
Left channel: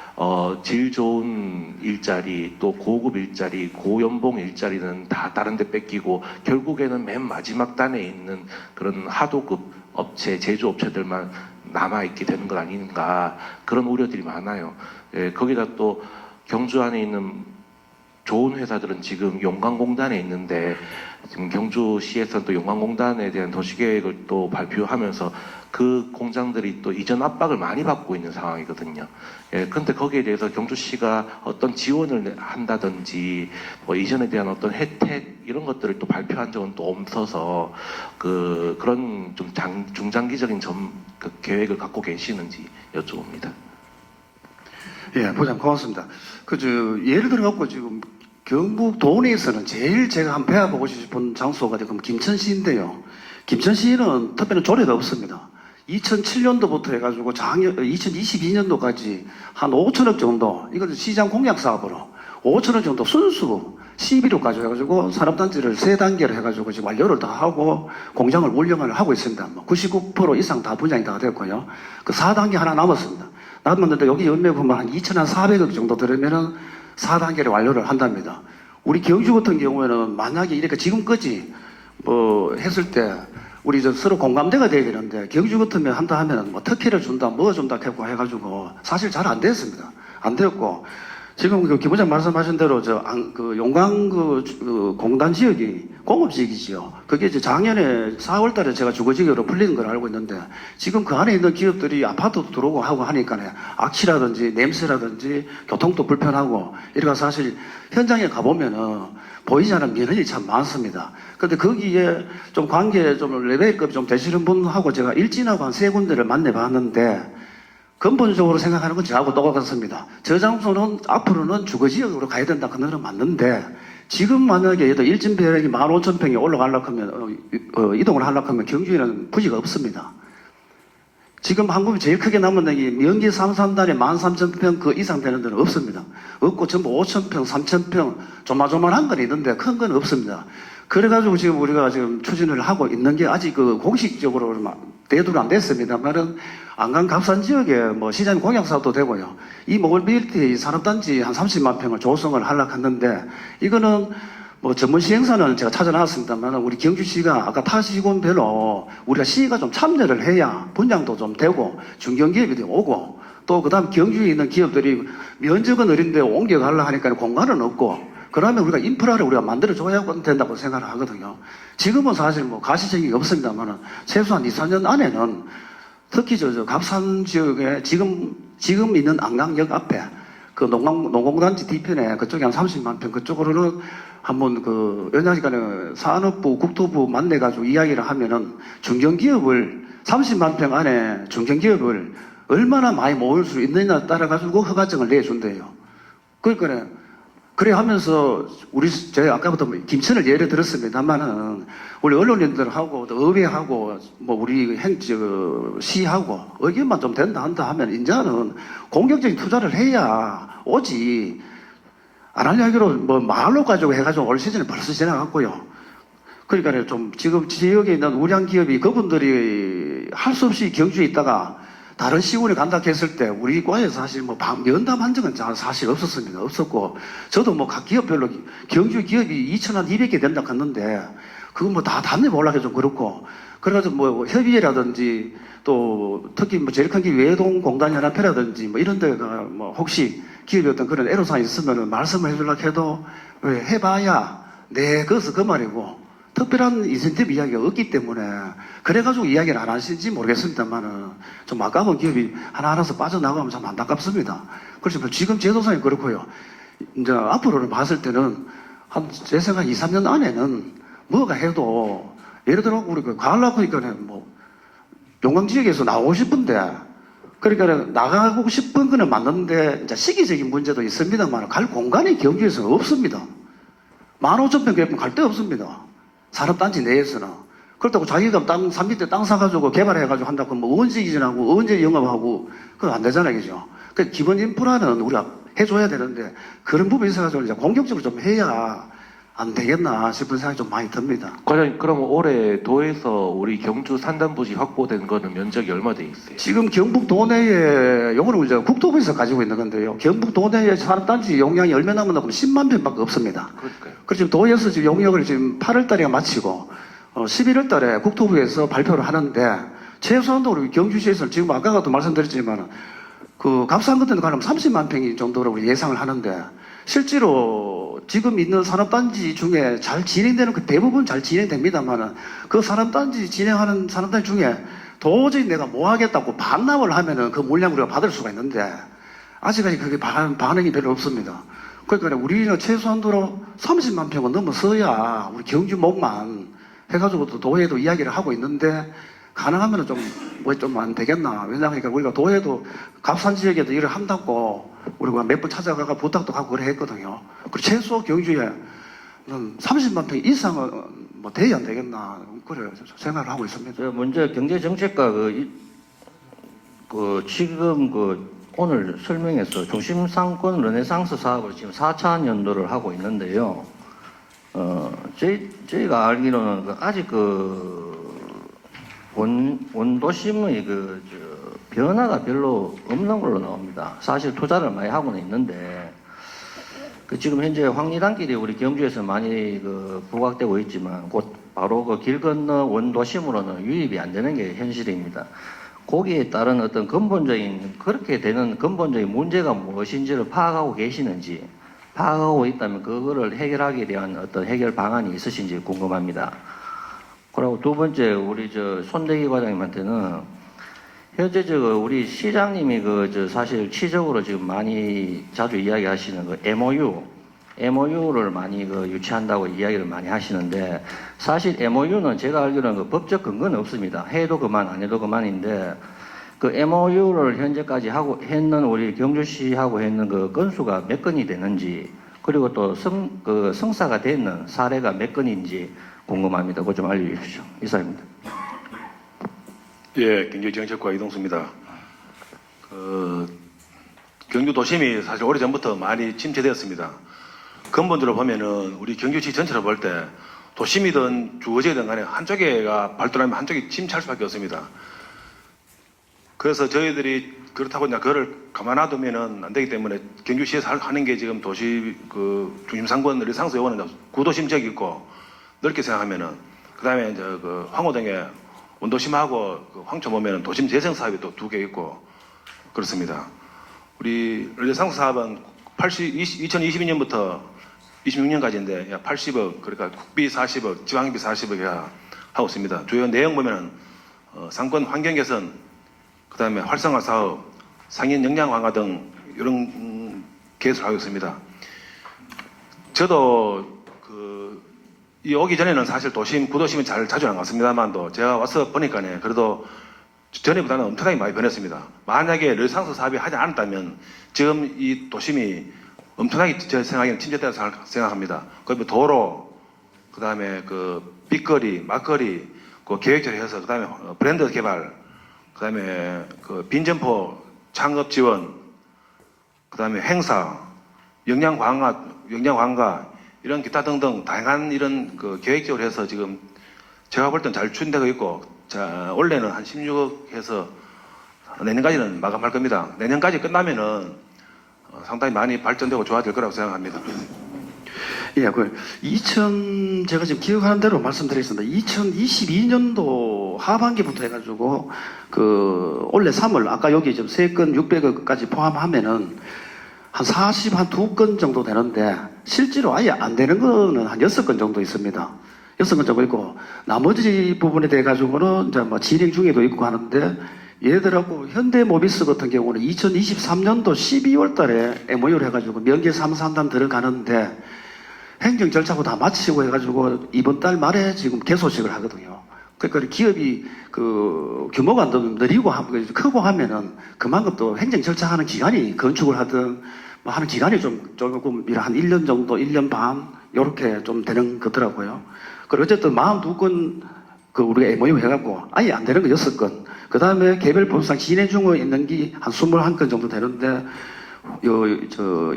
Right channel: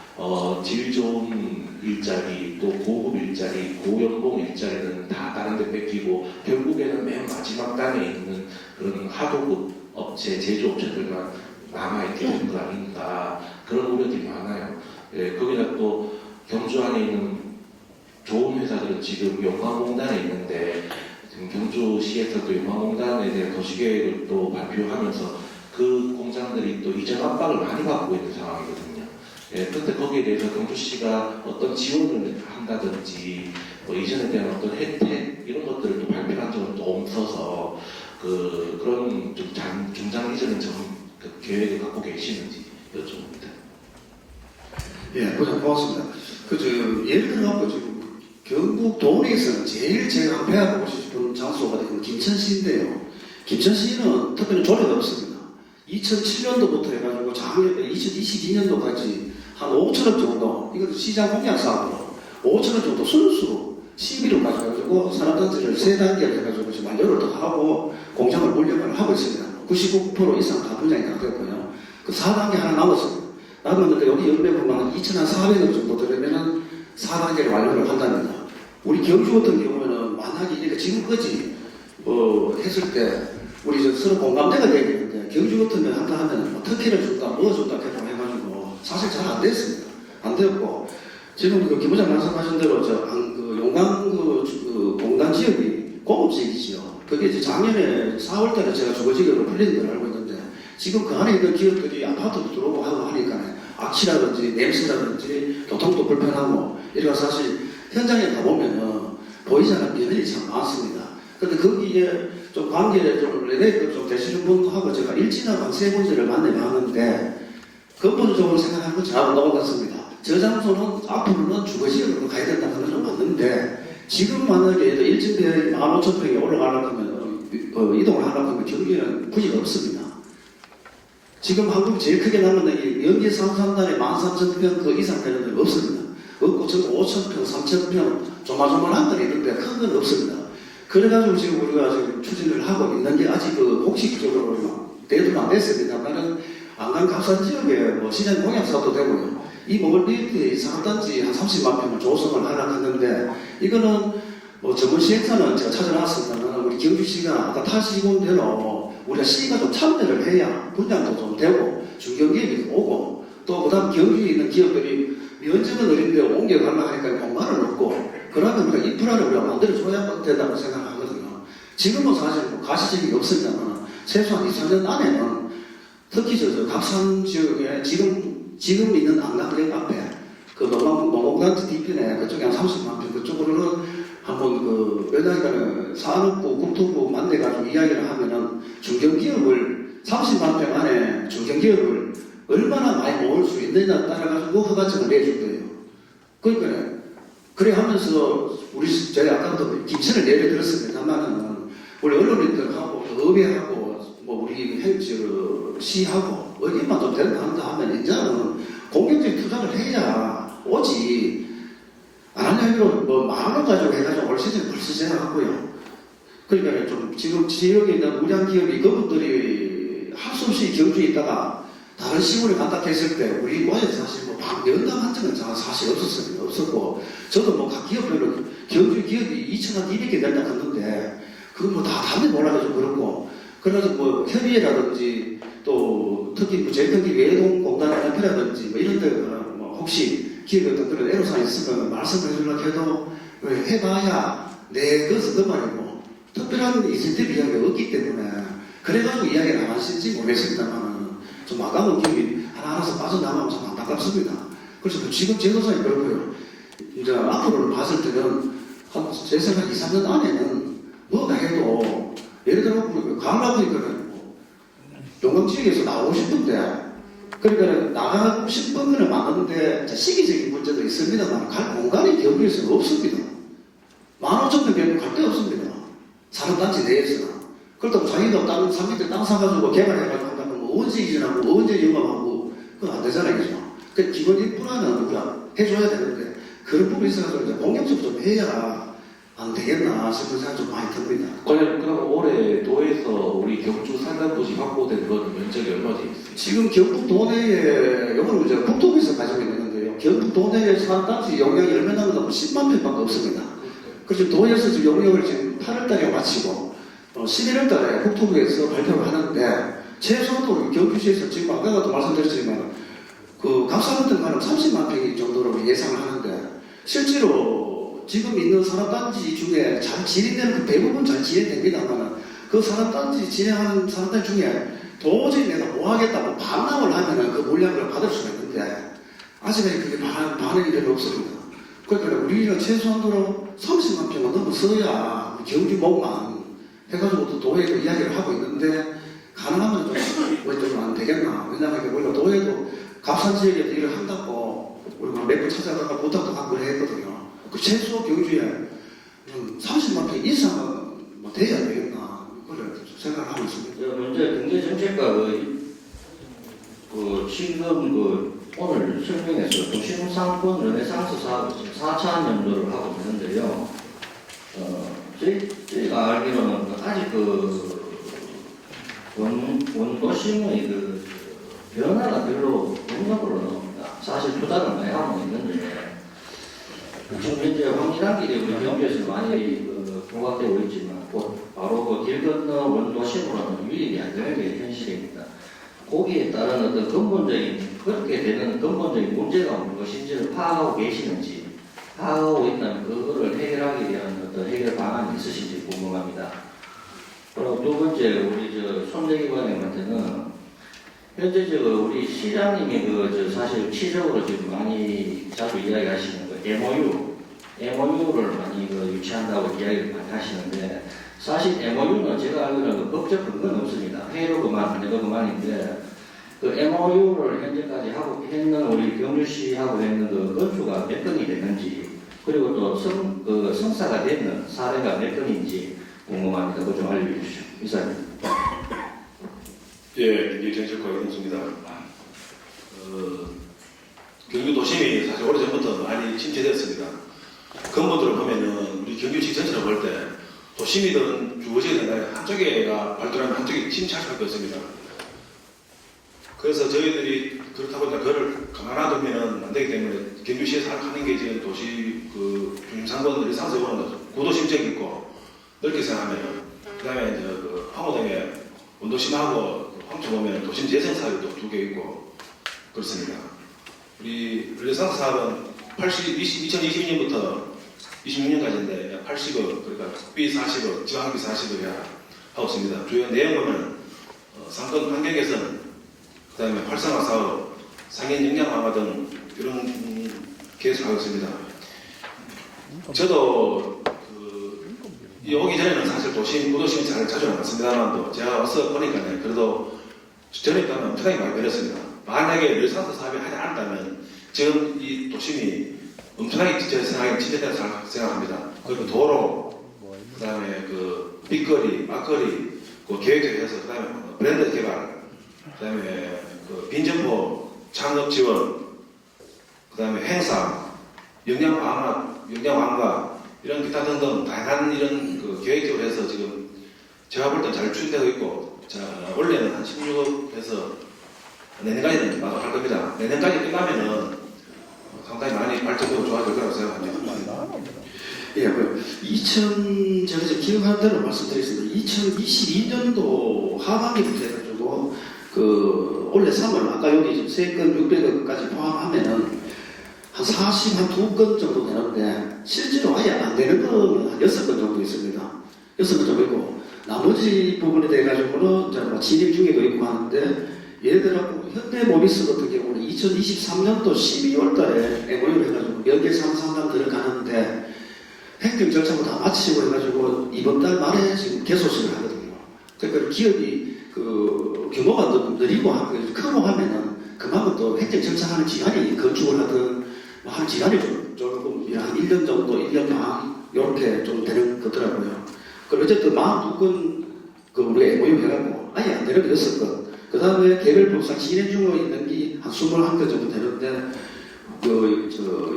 질 좋은 일자리, 또 고급 일자리, 고연봉 일자리는 다 다른 데 뺏기고 결국에는 맨 마지막 단에 있는 그런 하도급 업체, 제조업체들만 남아있게 되는 것 아닌가, 그런 우려들이 많아요. 거기다 또 경주 안에 있는 좋은 회사들은 지금 용광공단에 있는데, 지금 경주시에서도 용광공단에 대한 도시계획을 또 발표하면서 그 공장들이 또 이전 압박을 많이 받고 있는 상황이거든요. 그런데 거기에 대해서 경주시가 어떤 지원을 한다든지 뭐 이전에 대한 어떤 혜택 이런 것들을 또 발표한 적은 또 없어서 그런 좀 중장기적인 계획을 갖고 계시는지 여쭤봅니다. 예, 보장 고맙습니다. 예를 들어갖고 지금 경북 도내에서는 제일 제가 한번 배워보고 싶은 장소가 지금 김천시인데요. 김천시는 특별한 조례가 없습니다. 2007년도부터 해가지고 2022년도까지 한 5천억 정도, 이것은 시장 공약 사업으로 5천억 정도 순수 12호까지 해가지고 산업단지를 3단계로 해가지고 지금 완료를 다 하고 공장을 운영을 하고 있습니다. 99% 이상 다 분양이 다 됐고요. 그 4단계 하나 남았습니다. 남았는데 여기 연매 보면 한 2,400억 정도 들으면은 4단계를 완료를 한답니다. 우리 경주 같은 경우에는 만약에 이렇게 지금까지 뭐 했을 때 우리 저 서로 공감대가 돼야 되는데 경주 같으면 한다 하면 뭐 특혜를 준다, 뭐 준다 하고 해가지고 사실 잘 안 됐습니다. 안 되었고 지금 그 김 부장 말씀하신 대로 그 용강 그 공단 지역이 공업지역이지요. 그게 이제 작년에 4월달에 제가 주거지역으로 풀린 걸 알고 있는데 지금 그 안에 있는 기업들이 아파트도 들어오고 하고 하니까 악취라든지 냄새라든지 교통도 불편하고 이래가 사실 현장에 가보면은 보이지 않는 민원이 참 많습니다. 근데 거기에 좀 관계 좀 레벨급 좀 되시는 분하고 제가 일진하고 한 3군데를 만나봤는데 근본적으로 생각하는 건 저하고 똑같습니다. 저 장소는 앞으로는 주거지역으로 가야 된다. 그거는 맞는데 지금 만약에 얘도 일진별이 15,000평에 올라가려고 하면 이동을 하려고 하면 경주에는 부지가 없습니다. 지금 한국이 제일 크게 남은 데이 명지 상산단에 13,000평 그 이상 되는 데는 없습니다. 없고 전부 5,000평, 3,000평 조마조마한 건 있는데 큰 건 없습니다. 그래가지고 지금 우리가 지금 추진을 하고 있는 게 아직 그 공식적으로 대두는 안 됐습니다만은 안강 갑산 지역에 뭐 시장 공약 사업도 되고요. 이 모빌리티 산업단지 한 30만 평을 조성을 하려고 하는데 이거는 뭐 전문 시행사는 제가 찾아놨습니다만 우리 경주시가 아까 타시군 대로 우리가 시가 좀 참여를 해야 분양도 좀 되고 중견기업이 오고 또 그다음 경주에 있는 기업들이 면적은 어린데 옮겨가려고 하니까 공간은 없고 그러면 우리가 인프라를 우리가 만들어줘야 된다고 생각을 하거든요. 지금은 사실 뭐 가시적이 없습니다만 최소한 2, 4년 안에는 특히 저 갑산 지역에 지금 있는 안강역 앞에 그 농공단지 뒤편에 그쪽에 한 30만 평 그쪽으로는 한번 그 연장시간에 산업부, 국토부 만나가지고 이야기를 하면은 중견기업을 30만 평 안에 중견기업을 얼마나 많이 모을 수 있느냐에 따라가지고 허가증을 내준대요. 그러니까 그래 하면서 저희 아까부터 김천을 예를 들었습니다만은 우리 언론인들하고 의회하고 뭐 우리 시하고 의견만 좀 된다 한다 하면 이제는 공격적인 투자를 해야 오지 안 하려 하기로 뭐 말로 가지고 해가지고 올 시즌에 벌써 지나갔고요. 그러니까 좀 지금 지역에 있는 우량 기업이 그분들이 할 수 없이 경주에 있다가 다른 시골에 간다 했을 때 우리 과에 사실 뭐 면담한 적은 사실 없었습니다. 없었고 저도 뭐 각 기업별로 경주 기업이 2,200개 된다 했는데 그거 뭐 다 답이 몰라서 좀 그렇고 그래가지고 뭐 협의회라든지 또 특히 뭐 제일 큰 게 외동공단연합회라든지 뭐 이런 데가 뭐 혹시 기업이 어떤 그런 애로사항이 있으면 말씀을 해주려고 해도 해봐야 네 그것은 그 말이고 특별한 인센티브 이야기가 없기 때문에 그래가지고 이야기를 안 하시는지 모르겠습니다만은 좀 아까운 기업이 하나하나서 빠져나가면 참 안타깝습니다. 그래서 지금 제도상이 그렇고요. 이제 앞으로는 봤을 때는 한 제 생각 2, 3년 안에는 뭐가 해도 예를 들어 우리 가을라 그러니까는 뭐 용강 지역에서 나오고 싶은데 그러니까 나가고 싶은 거는 맞는데 이제 시기적인 문제도 있습니다만 갈 공간이 경주에서는 없습니다. 15,000평 되면 갈 데 없습니다. 산업단지 내에서는. 그렇다고 자기가 땅 3m 땅 사가지고 개발해가지고 한다고 뭐 언제 이전하고 언제 영업하고 그건 안 되잖아요. 그죠? 그러니까 기본 인프라는 우리가 해줘야 되는데 그런 부분이 있어가지고 이제 공격적으로 좀 해야 안 되겠나 싶은 생각이 좀 많이 듭니다. 과장님, 그럼 올해 도에서 우리 경주 산단부지 확보된 거는 면적이 얼마 돼 있어요? 지금 경북 도내에 요거는 이제 국토부에서 가지고 있는 건데요. 경북 도내에 산업단지 용량이 얼마 남았나 보면 10만 평밖에 없습니다. 그러니까요. 그래서 지금 도에서 지금 용역을 지금 8월 달에 마치고 11월 달에 국토부에서 발표를 하는데 최소한도 우리 경주시에서 지금 아까도 말씀드렸지만 그 갑산 같은 데 가면 30만 평이 정도로 예상을 하는데 실제로 지금 있는 산업단지 중에 잘 진행되는 그 대부분 잘 진행됩니다만은 그 산업단지 진행하는 산업단지 중에 도저히 내가 뭐 하겠다고 반납을 하면은 그 물량을 우리가 받을 수가 있는데 아직까지 그게 반응이 별로 없습니다. 그러니까 우리는 최소한도로 30만 평은 넘어서야 우리 경주 목만 해가지고 또 도에도 이야기를 하고 있는데 가능하면 좀 안 되겠나. 왜냐하면 우리가 도에도 갑산 지역에도 일을 한다고 우리가 몇 번 찾아가가 부탁도 하고 그래 했거든요. 그 최소 경주에 30만 평 이상은 뭐 돼야 되겠나. 그래 생각을 하고 있습니다. 먼저 경제정책과 지금 오늘 설명에서 도심상권 르네상스 사업을 지금 4차 연도를 하고 있는데요. 저희가 알기로는 아직 원도심의 변화가 별로 없는 걸로 나옵니다. 사실 투자를 많이 하고는 있는데 지금 현재 황리단길이 우리 경주에서 많이 부각되고 있지만 곧 바로 길 건너 원도심으로는 유입이 안 되는 게 현실입니다. 거기에 따른 어떤 그렇게 되는 근본적인 문제가 무엇인지를 파악하고 계시는지, 파악하고 있다면 그거를 해결하기 위한 어떤 해결 방안이 있으신지 궁금합니다. 그리고 두 번째, 우리 손대기 과장님한테는 현재 우리 시장님이 사실 취적으로 지금 많이 자주 이야기하시는 MOU를 많이 유치한다고 이야기를 많이 하시는데, 사실 MOU는 제가 알기로는 법적 근거는 없습니다. 해도 그만 안 해도 그만인데, 그 MOU를 현재까지 했는 우리 경주시하고 했는 그 건수가 몇 건이 되는지, 그리고 또 성사가 되는 사례가 몇 건인지 궁금합니다. 그거 좀 알려주십시오. 이사입니다. 예, 경제정책과 이동수입니다. 경주 도심이 사실 오래전부터 많이 침체되었습니다. 근본적으로 보면은 우리 경주시 전체를 볼 때 도심이든 주거지든 간에 한쪽에가 발달하면 한쪽이 침체할 수밖에 없습니다. 그래서 저희들이 그렇다고 이제 그거를 가만놔두면은 안 되기 때문에 경주시에서 하는 게 지금 도시 중심 상권 리상스 요구는 구도심 지역이 있고 넓게 생각하면은 그 다음에 이제 황호동에 원도심하고 황초 보면 도심 재생 사업이 또 2개 있고 그렇습니다. 우리 리상스 사업은 2022년부터 26년까지인데 약 80억, 그러니까 국비 40억, 지방비 40억 해야 하고 있습니다. 주요 내용 보면 상권 환경 개선, 그 다음에 활성화 사업, 상인 역량 강화 등 이런 계획을 하고 있습니다. 저도 오기 전에는 사실 구도심은 잘 자주 안 갔습니다만도 제가 와서 보니까 그래도 전에보다는 엄청나게 많이 변했습니다. 만약에 르상스 사업이 하지 않았다면 지금 이 도심이 엄청나게 제 생각에는 침체된다고 생각합니다. 그리고 도로, 그 다음에 빗거리, 막거리, 계획적으로 해서, 그 다음에 브랜드 개발, 그 다음에 빈점포 창업 지원, 그 다음에 행사, 역량 강화, 이런 기타 등등 다양한 이런 계획적으로 해서 지금 제가 볼 땐 잘 추진되고 있고, 자, 원래는 한 16억 해서 내년까지는 마감할 겁니다. 내년까지 끝나면은 상당히 많이 발전되고 좋아질 거라고 생각합니다. 예, 제가 지금 기억하는 대로 말씀드리겠습니다. 2022년도 하반기부터 해가지고, 올해 3월, 아까 여기 지금 3건 600억까지 포함하면은 한 2건 정도 되는데, 실제로 아예 안 되는 거는 한 6건 정도 있습니다. 6건 정도 있고, 나머지 부분에 대해가지고는 이제 진행 중에도 있고 하는데, 예를 들어 현대모비스 같은 경우는 2023년도 12월 달에 MOU를 해가지고 명계 3, 3단 들어가는데 행정 절차고 다 마치고 해가지고 이번 달 말에 지금 개소식을 하거든요. 그러니까 기업이 규모가 좀 느리고 크고 하면은 그만큼 또 행정 절차하는 기간이 건축을 하든 하는 기간이 조금 한 1년 정도, 1년 반 이렇게 좀 되는 거더라고요. 그리고 어쨌든 42건 우리 MOU 해갖고 아예 안 되는 거 6건. 그 다음에 개별법상 진행 중에 있는 게 한 21건 정도 되는데,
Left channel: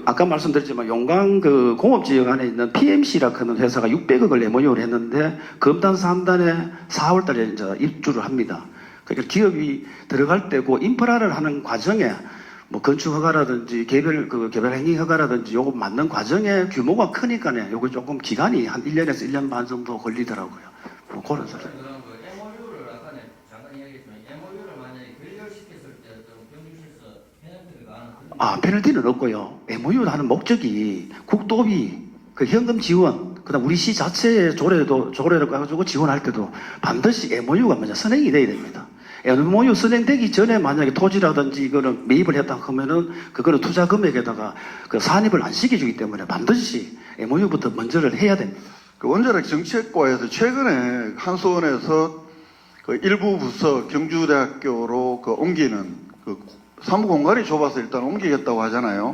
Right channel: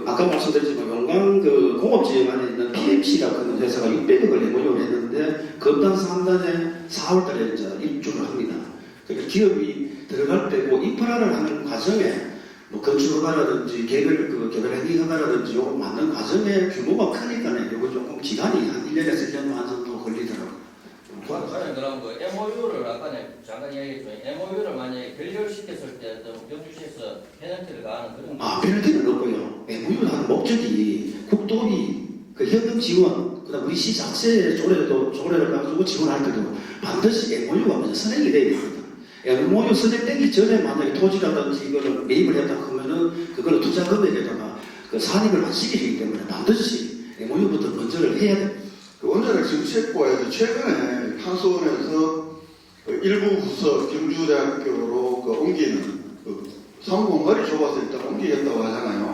아까 말씀드렸지만 용강 공업지역 안에 있는 PMC라고 하는 회사가 600억을 MOU를 했는데, 검단 3단에 4월 달에 이제 입주를 합니다. 그러니까 기업이 들어갈 때 인프라를 하는 과정에 건축 허가라든지 개별 행위 허가라든지 요거 만든 과정에 규모가 크니까 요거 조금 기간이 한 1년에서 1년 반 정도 걸리더라고요. 그럼 MOU를 아까 잠깐 이야기했지만 MOU를 만약에 결렬시켰을 때 경주시에서 페널티를 가하는 그런 페널티는 없고요. MOU를 하는 목적이 국도비, 현금 지원, 그다음 우리 시 자체 조례를 가지고 지원할 때도 반드시 MOU가 먼저 선행이 돼야 됩니다. MOU 선행되기 전에 만약에 토지라든지 이거를 매입을 했다 하면은 그거는 투자 금액에다가 산입을 안 시켜주기 때문에 반드시 MOU부터 먼저를 해야 됩니다. 원자력 정책과에서 최근에 한수원에서 일부 부서 경주대학교로 옮기는 사무 공간이 좁아서 일단 옮기겠다고 하잖아요.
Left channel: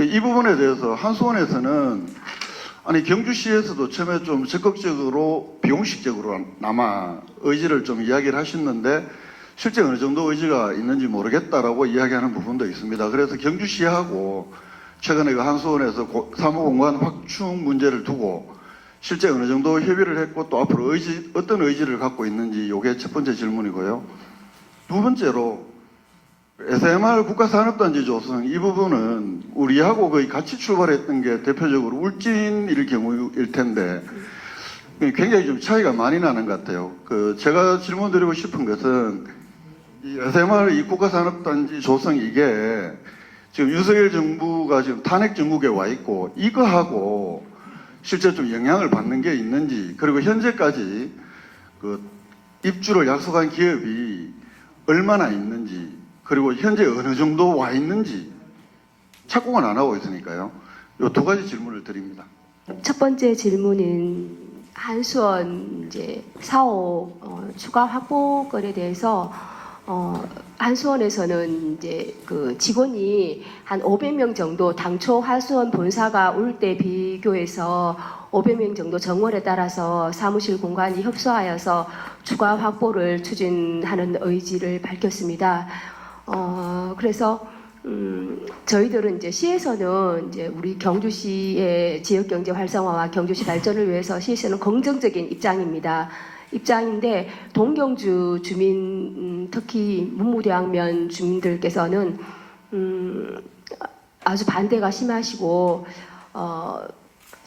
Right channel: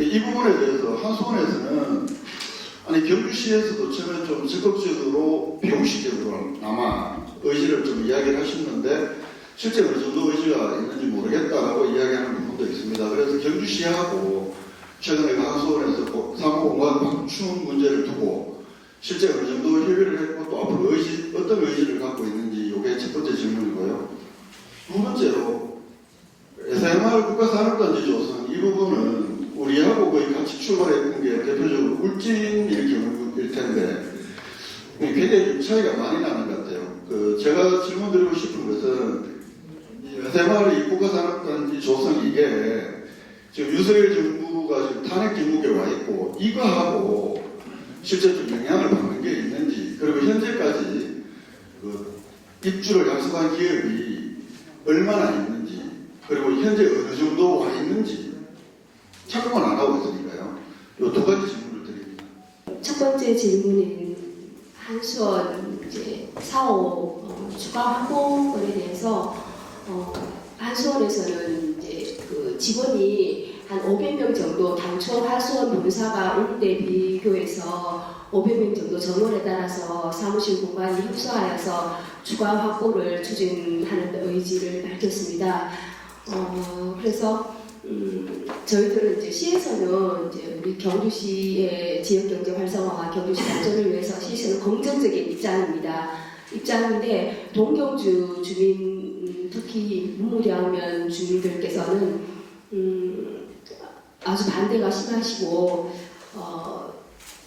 이 부분에 대해서 한수원에서는 경주시에서도 처음에 좀 적극적으로 비공식적으로나마 의지를 좀 이야기를 하셨는데 실제 어느 정도 의지가 있는지 모르겠다라고 이야기하는 부분도 있습니다. 그래서 경주시하고 최근에 한수원에서 사무공간 확충 문제를 두고 실제 어느 정도 협의를 했고 또 앞으로 어떤 의지를 갖고 있는지 이게 첫 번째 질문이고요. 두 번째로 SMR 국가산업단지 조성 이 부분은 우리하고 거의 같이 출발했던 게 대표적으로 울진일 경우일 텐데 굉장히 좀 차이가 많이 나는 것 같아요. 제가 질문드리고 싶은 것은 이 SMR 이 국가산업단지 조성 이게 지금 윤석열 정부가 지금 탄핵 정국에 와 있고 이거하고 실제 좀 영향을 받는 게 있는지, 그리고 현재까지 입주를 약속한 기업이 얼마나 있는지, 그리고 현재 어느 정도 와 있는지 착공을 안 하고 있으니까요. 이 두 가지 질문을 드립니다. 첫 번째 질문은 한수원 이제 사업 추가 확보건에 대해서 한수원에서는 이제 그 직원이 한 500명 정도 당초 한수원 본사가 올 때 비교해서 500명 정도 정원에 따라서 사무실 공간이 협소하여서 추가 확보를 추진하는 의지를 밝혔습니다. 그래서 저희들은 이제 시에서는 이제 우리 경주시의 지역 경제 활성화와 경주시 발전을 위해서 시에서는 긍정적인 입장인데 동경주 주민 특히 문무대학면 주민들께서는 아주 반대가 심하시고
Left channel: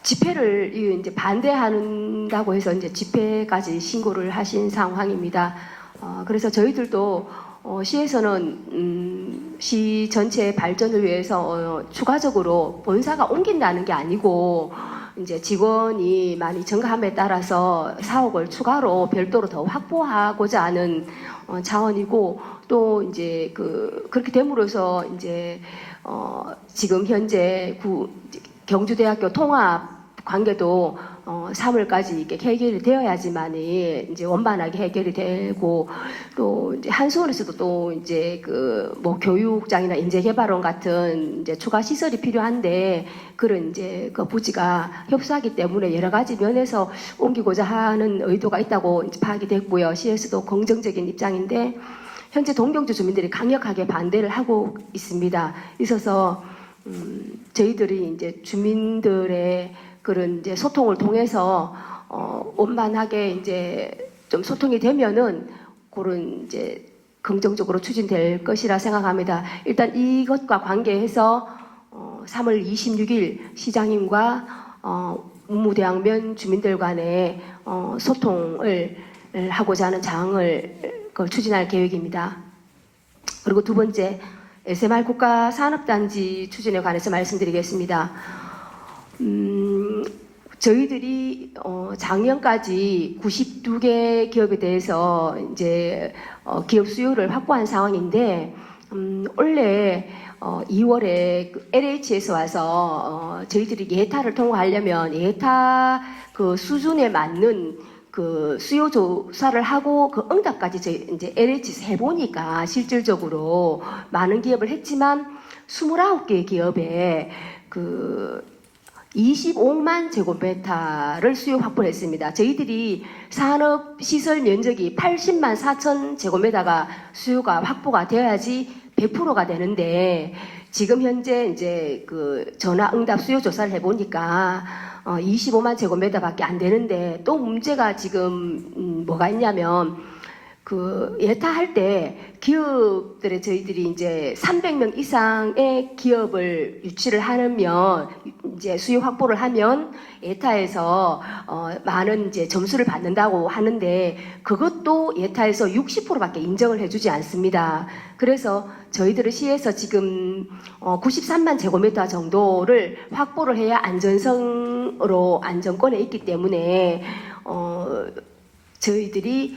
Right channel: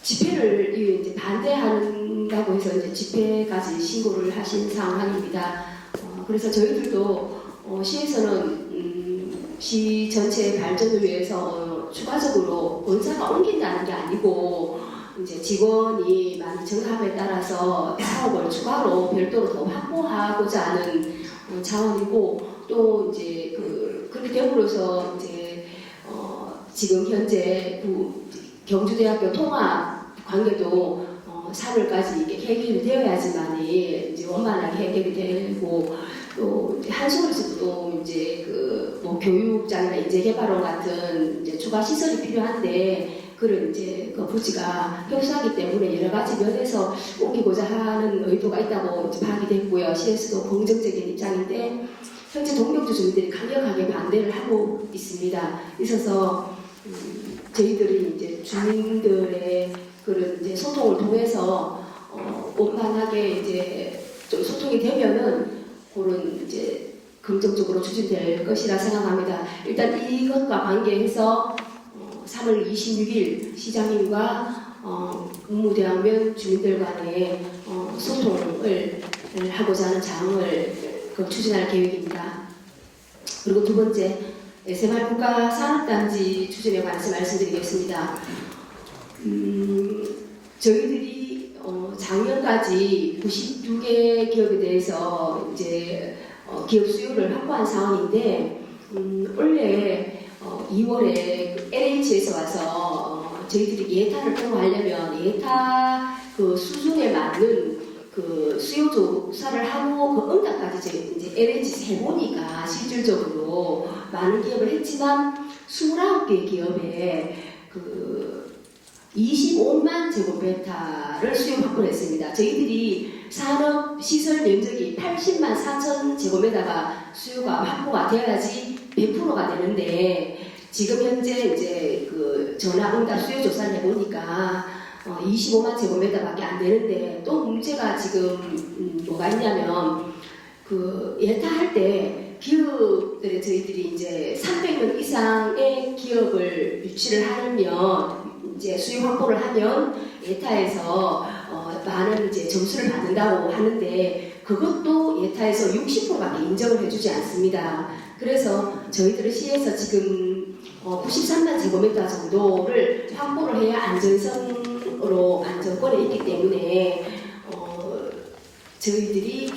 집회를 이제 반대한다고 해서 이제 집회까지 신고를 하신 상황입니다. 그래서 저희들도 시에서는 시 전체의 발전을 위해서 추가적으로 본사가 옮긴다는 게 아니고 이제 직원이 많이 증가함에 따라서 사업을 추가로 별도로 더 확보하고자 하는 차원이고, 또 이제 그렇게 됨으로써 이제 지금 현재 경주대학교 통합 관계도 3월까지 이렇게 해결이 되어야지만이 이제 원만하게 해결이 되고, 또 이제 한수원에서도 또 이제 뭐 교육장이나 인재개발원 같은 이제 추가 시설이 필요한데 그런 이제 그 부지가 협소하기 때문에 여러 가지 면에서 옮기고자 하는 의도가 있다고 이제 파악이 됐고요. 시에서도 긍정적인 입장인데 현재 동경주 주민들이 강력하게 반대를 하고 있어서 저희들이 이제 주민들의 그런 이제 소통을 통해서 원만하게 이제 좀 소통이 되면은 그런 이제 긍정적으로 추진될 것이라 생각합니다. 일단 이것과 관계해서 3월 26일 시장님과 문무대학면 주민들 간의 소통을 하고자 하는 장을 추진할 계획입니다. 그리고 두 번째, SMR 국가산업단지 추진에 관해서 말씀드리겠습니다. 저희들이 작년까지 92개 기업에 대해서 이제 기업 수요를 확보한 상황인데 원래 2월에 LH에서 와서 저희들이 예타를 통과하려면 예타 그 수준에 맞는 그 수요 조사를 하고 그 응답까지 이제 LH에서 해보니까 실질적으로 많은 기업을 했지만 29개 기업에 25만 제곱미터를 수요 확보했습니다. 저희들이 산업 시설 면적이 80만 4천 제곱미터가 수요가 확보가 되어야지 100%가 되는데 지금 현재 이제 전화 응답 수요 조사를 해보니까 25만 제곱미터밖에 안 되는데 또 문제가 지금 뭐가 있냐면 예타 할 때 기업들에 저희들이 이제 300명 이상의 기업을 유치를 하면 이제 수요 확보를 하면 예타에서 많은 이제 점수를 받는다고 하는데 그것도 예타에서 60%밖에 인정을 해주지 않습니다. 그래서 저희들은 시에서 지금 93만 제곱미터 정도를 확보를 해야 안전성으로 안정권에 있기 때문에 저희들이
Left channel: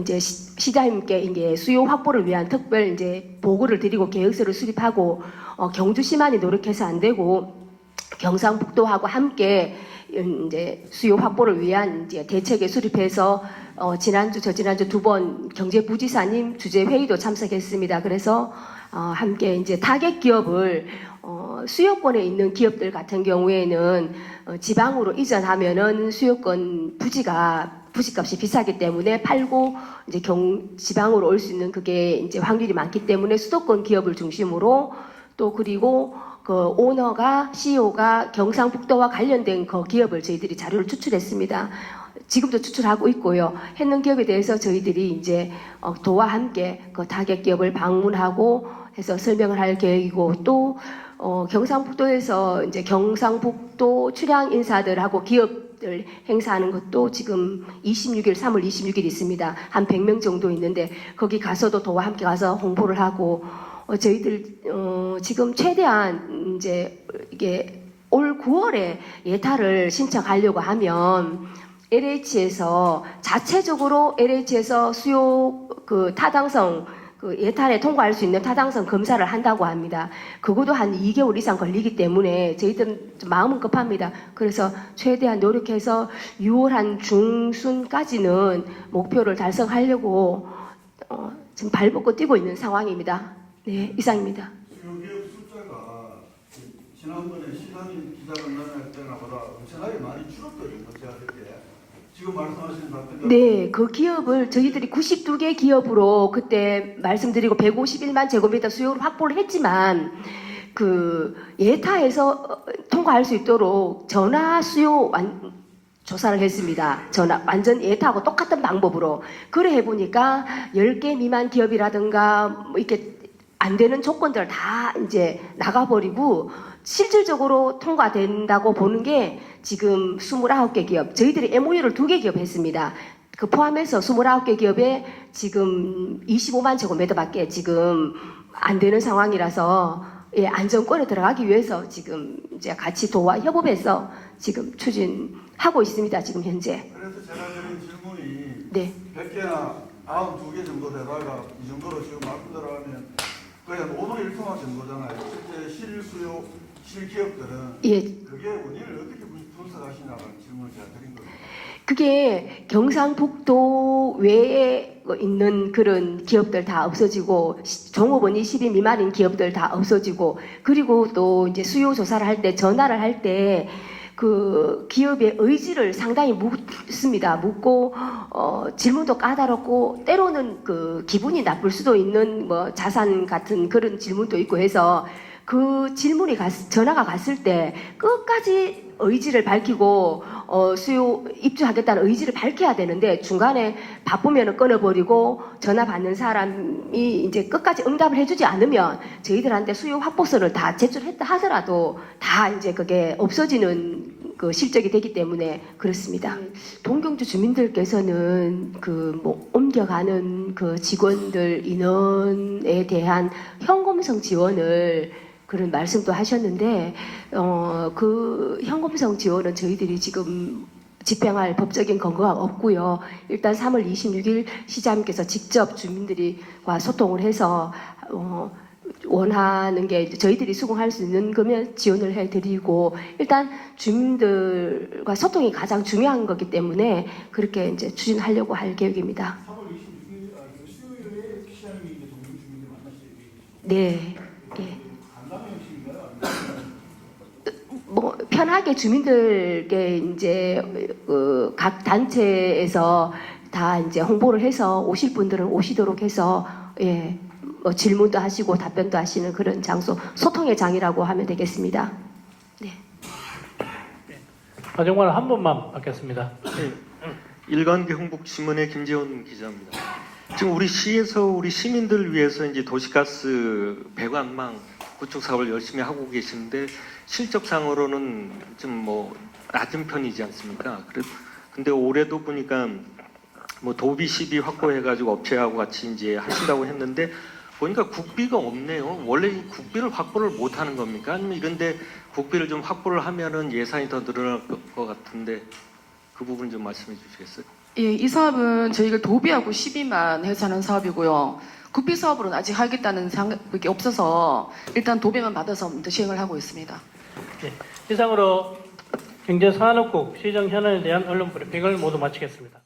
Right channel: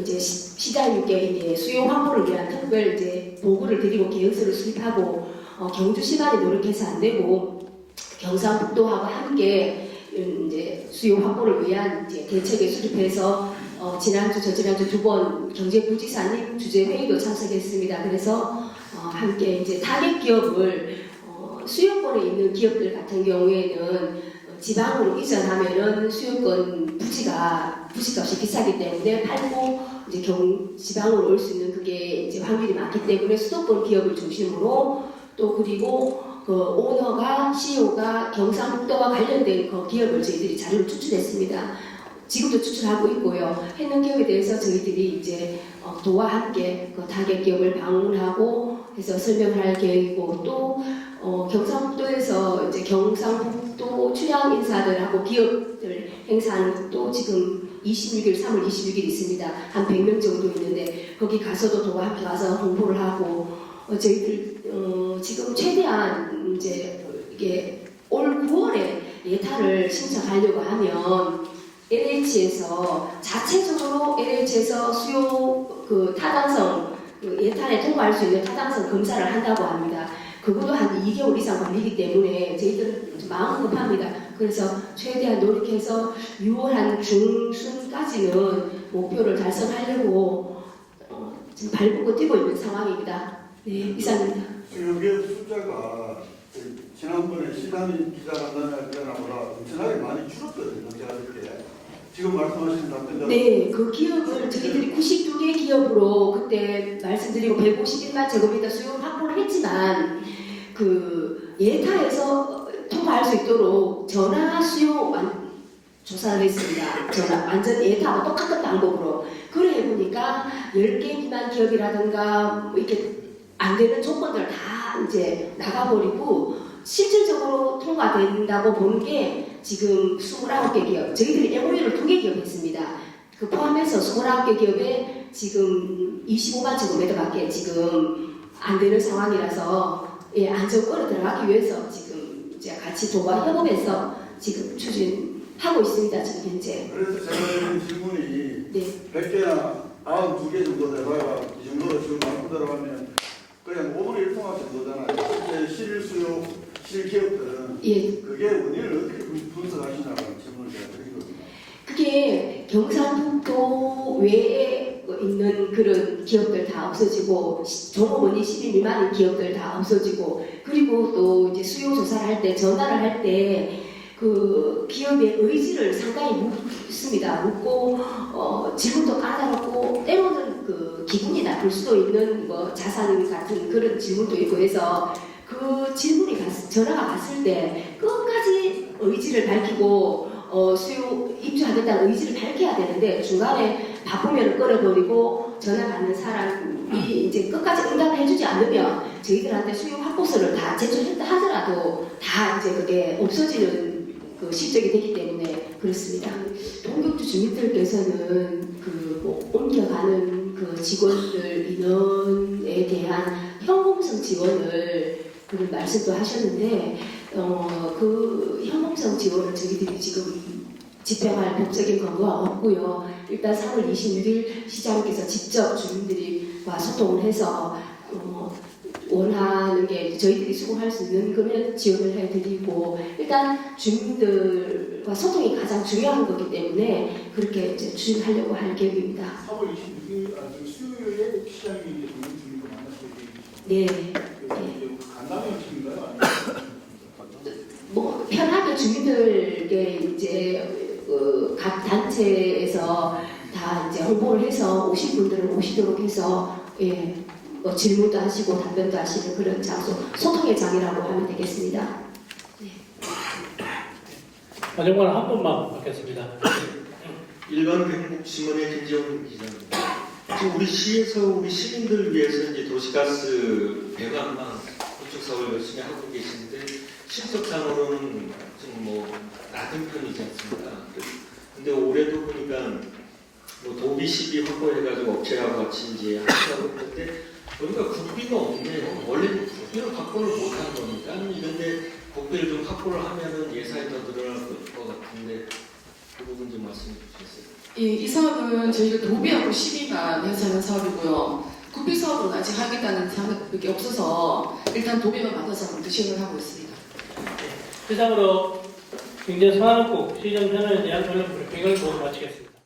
이제 시장님께 이제 수요 확보를 위한 특별 이제 보고를 드리고 계획서를 수립하고 경주시만이 노력해서 안 되고 경상북도하고 함께 이제 수요 확보를 위한 이제 대책에 수립해서 지난주 저지난주 두 번 경제부지사님 주재 회의도 참석했습니다. 그래서 함께 이제 타겟 기업을 수요권에 있는 기업들 같은 경우에는 지방으로 이전하면은 수요권 부지값이 비싸기 때문에 팔고 이제 지방으로 올 수 있는 그게 이제 확률이 많기 때문에 수도권 기업을 중심으로 또 그리고 그 오너가 CEO가 경상북도와 관련된 그 기업을 저희들이 자료를 추출했습니다. 지금도 추출하고 있고요. 했는 기업에 대해서 저희들이 이제 도와 함께 그 타겟 기업을 방문하고 해서 설명을 할 계획이고 또 경상북도에서 이제 경상북도 출향 인사들하고 기업들 행사하는 것도 지금 3월 26일 있습니다. 한 100명 정도 있는데 거기 가서도 도와 함께 가서 홍보를 하고 저희들 지금 최대한 이제 이게 올 9월에 예타를 신청하려고 하면 LH에서 자체적으로 LH에서 수요 그 타당성 그 예탄에 통과할 수 있는 타당성 검사를 한다고 합니다. 그것도 한 2개월 이상 걸리기 때문에 저희들은 좀 마음은 급합니다. 그래서 최대한 노력해서 6월 한 중순까지는 목표를 달성하려고 지금 발벗고 뛰고 있는 상황입니다. 네, 이상입니다. 이게 숫자가 지난번에 시장님 기자간담회 때나 보다 엄청나게 많이 줄었거든요. 제가 이렇게 지금 말씀하신 답변대로 네, 그 기업을 저희들이 92개 기업으로 그때 말씀드리고 151만 제곱미터 수요 확보를 했지만 그 예타에서 통과할 수 있도록 전화 수요 조사를 했습니다. 완전 예타하고 똑같은 방법으로. 그래 해보니까 10개 미만 기업이라든가 뭐 이렇게 안 되는 조건들 다 이제 나가버리고 실질적으로 통과된다고 보는 게 지금 29개 기업, 저희들이 MOU를 2개 기업 했습니다. 그 포함해서 29개 기업에 지금 25만 제곱미터밖에 지금 안 되는 상황이라서 예, 안정권에 들어가기 위해서 지금 이제 같이 도와 협업해서 지금 추진하고 있습니다. 지금 현재. 그래서 제가 드린 질문이 네. 100개나 92개 정도 되다가 이 정도로 지금 말씀대로 하면 그냥 5분의 1통화 정도잖아요. 실제 실수요 실기업들은 예. 그게 원인을 어떻게 분석하시냐고 질문을 제가 드리거든요. 그게 경상북도 외에 있는 그런 기업들 다 없어지고 종업원이 10인 미만인 기업들 다 없어지고 그리고 또 이제 수요 조사를 할 때 전화를 할 때 그 기업의 의지를 상당히 묻습니다. 묻고 질문도 까다롭고 때로는 그 기분이 나쁠 수도 있는 뭐 자산 같은 그런 질문도 있고 해서 그 질문이 전화가 갔을 때 끝까지 의지를 밝히고 수요 입주하겠다는 의지를 밝혀야 되는데 중간에 바쁘면 끊어버리고 전화 받는 사람이 이제 끝까지 응답을 해주지 않으면 저희들한테 수요 확보서를 다 제출했다 하더라도 다 이제 그게 없어지는 그 실적이 되기 때문에 그렇습니다. 동경주 주민들께서는 그 뭐 옮겨가는 그 직원들 인원에 대한 현금성 지원을 그런 말씀도 하셨는데 그 현금성 지원은 저희들이 지금 집행할 법적인 근거가 없고요. 일단 3월 26일 시장님께서 직접 주민들과 소통을 해서 원하는 게 저희들이 수긍할 수 있는 거면 지원을 해드리고 일단 주민들과 소통이 가장 중요한 거기 때문에 그렇게 이제 추진하려고 할 계획입니다. 3월 26일 수요일에 시장이 이제 동경 주민들 만났을 때 네. 간담회 형식인가요? 아니면 뭐 편하게 주민들께 이제 각 단체에서 다 이제 홍보를 해서 오실 분들은 오시도록 해서 예. 뭐 질문도 하시고 답변도 하시는 그런 장소, 소통의 장이라고 하면 되겠습니다. 네. 마지막으로 한 분만 받겠습니다. 일간 경북신문의 김재훈 기자입니다. 지금 우리 시에서 우리 시민들 위해서 이제 도시가스 배관망 구축 사업을 열심히 하고 계신데 실적상으로는 좀 뭐 낮은 편이지 않습니까? 근데 올해도 보니까 뭐 도비 시비 확보해가지고 업체하고 같이 이제 하신다고 했는데 보니까 국비가 없네요. 원래 국비를 확보를 못 하는 겁니까? 아니면 이런데 국비를 좀 확보를 하면은 예산이 더 늘어날 것 같은데 그 부분 좀 말씀해 주시겠어요? 예, 이 사업은 저희가 도비하고 시비만 해서 하는 사업이고요. 국비 사업으로는 아직 하겠다는 생각이 없어서 일단 도비만 받아서 먼저 시행을 하고 있습니다. 네, 이상으로 경제산업국 시정 현안에 대한 언론 브리핑을 모두 마치겠습니다.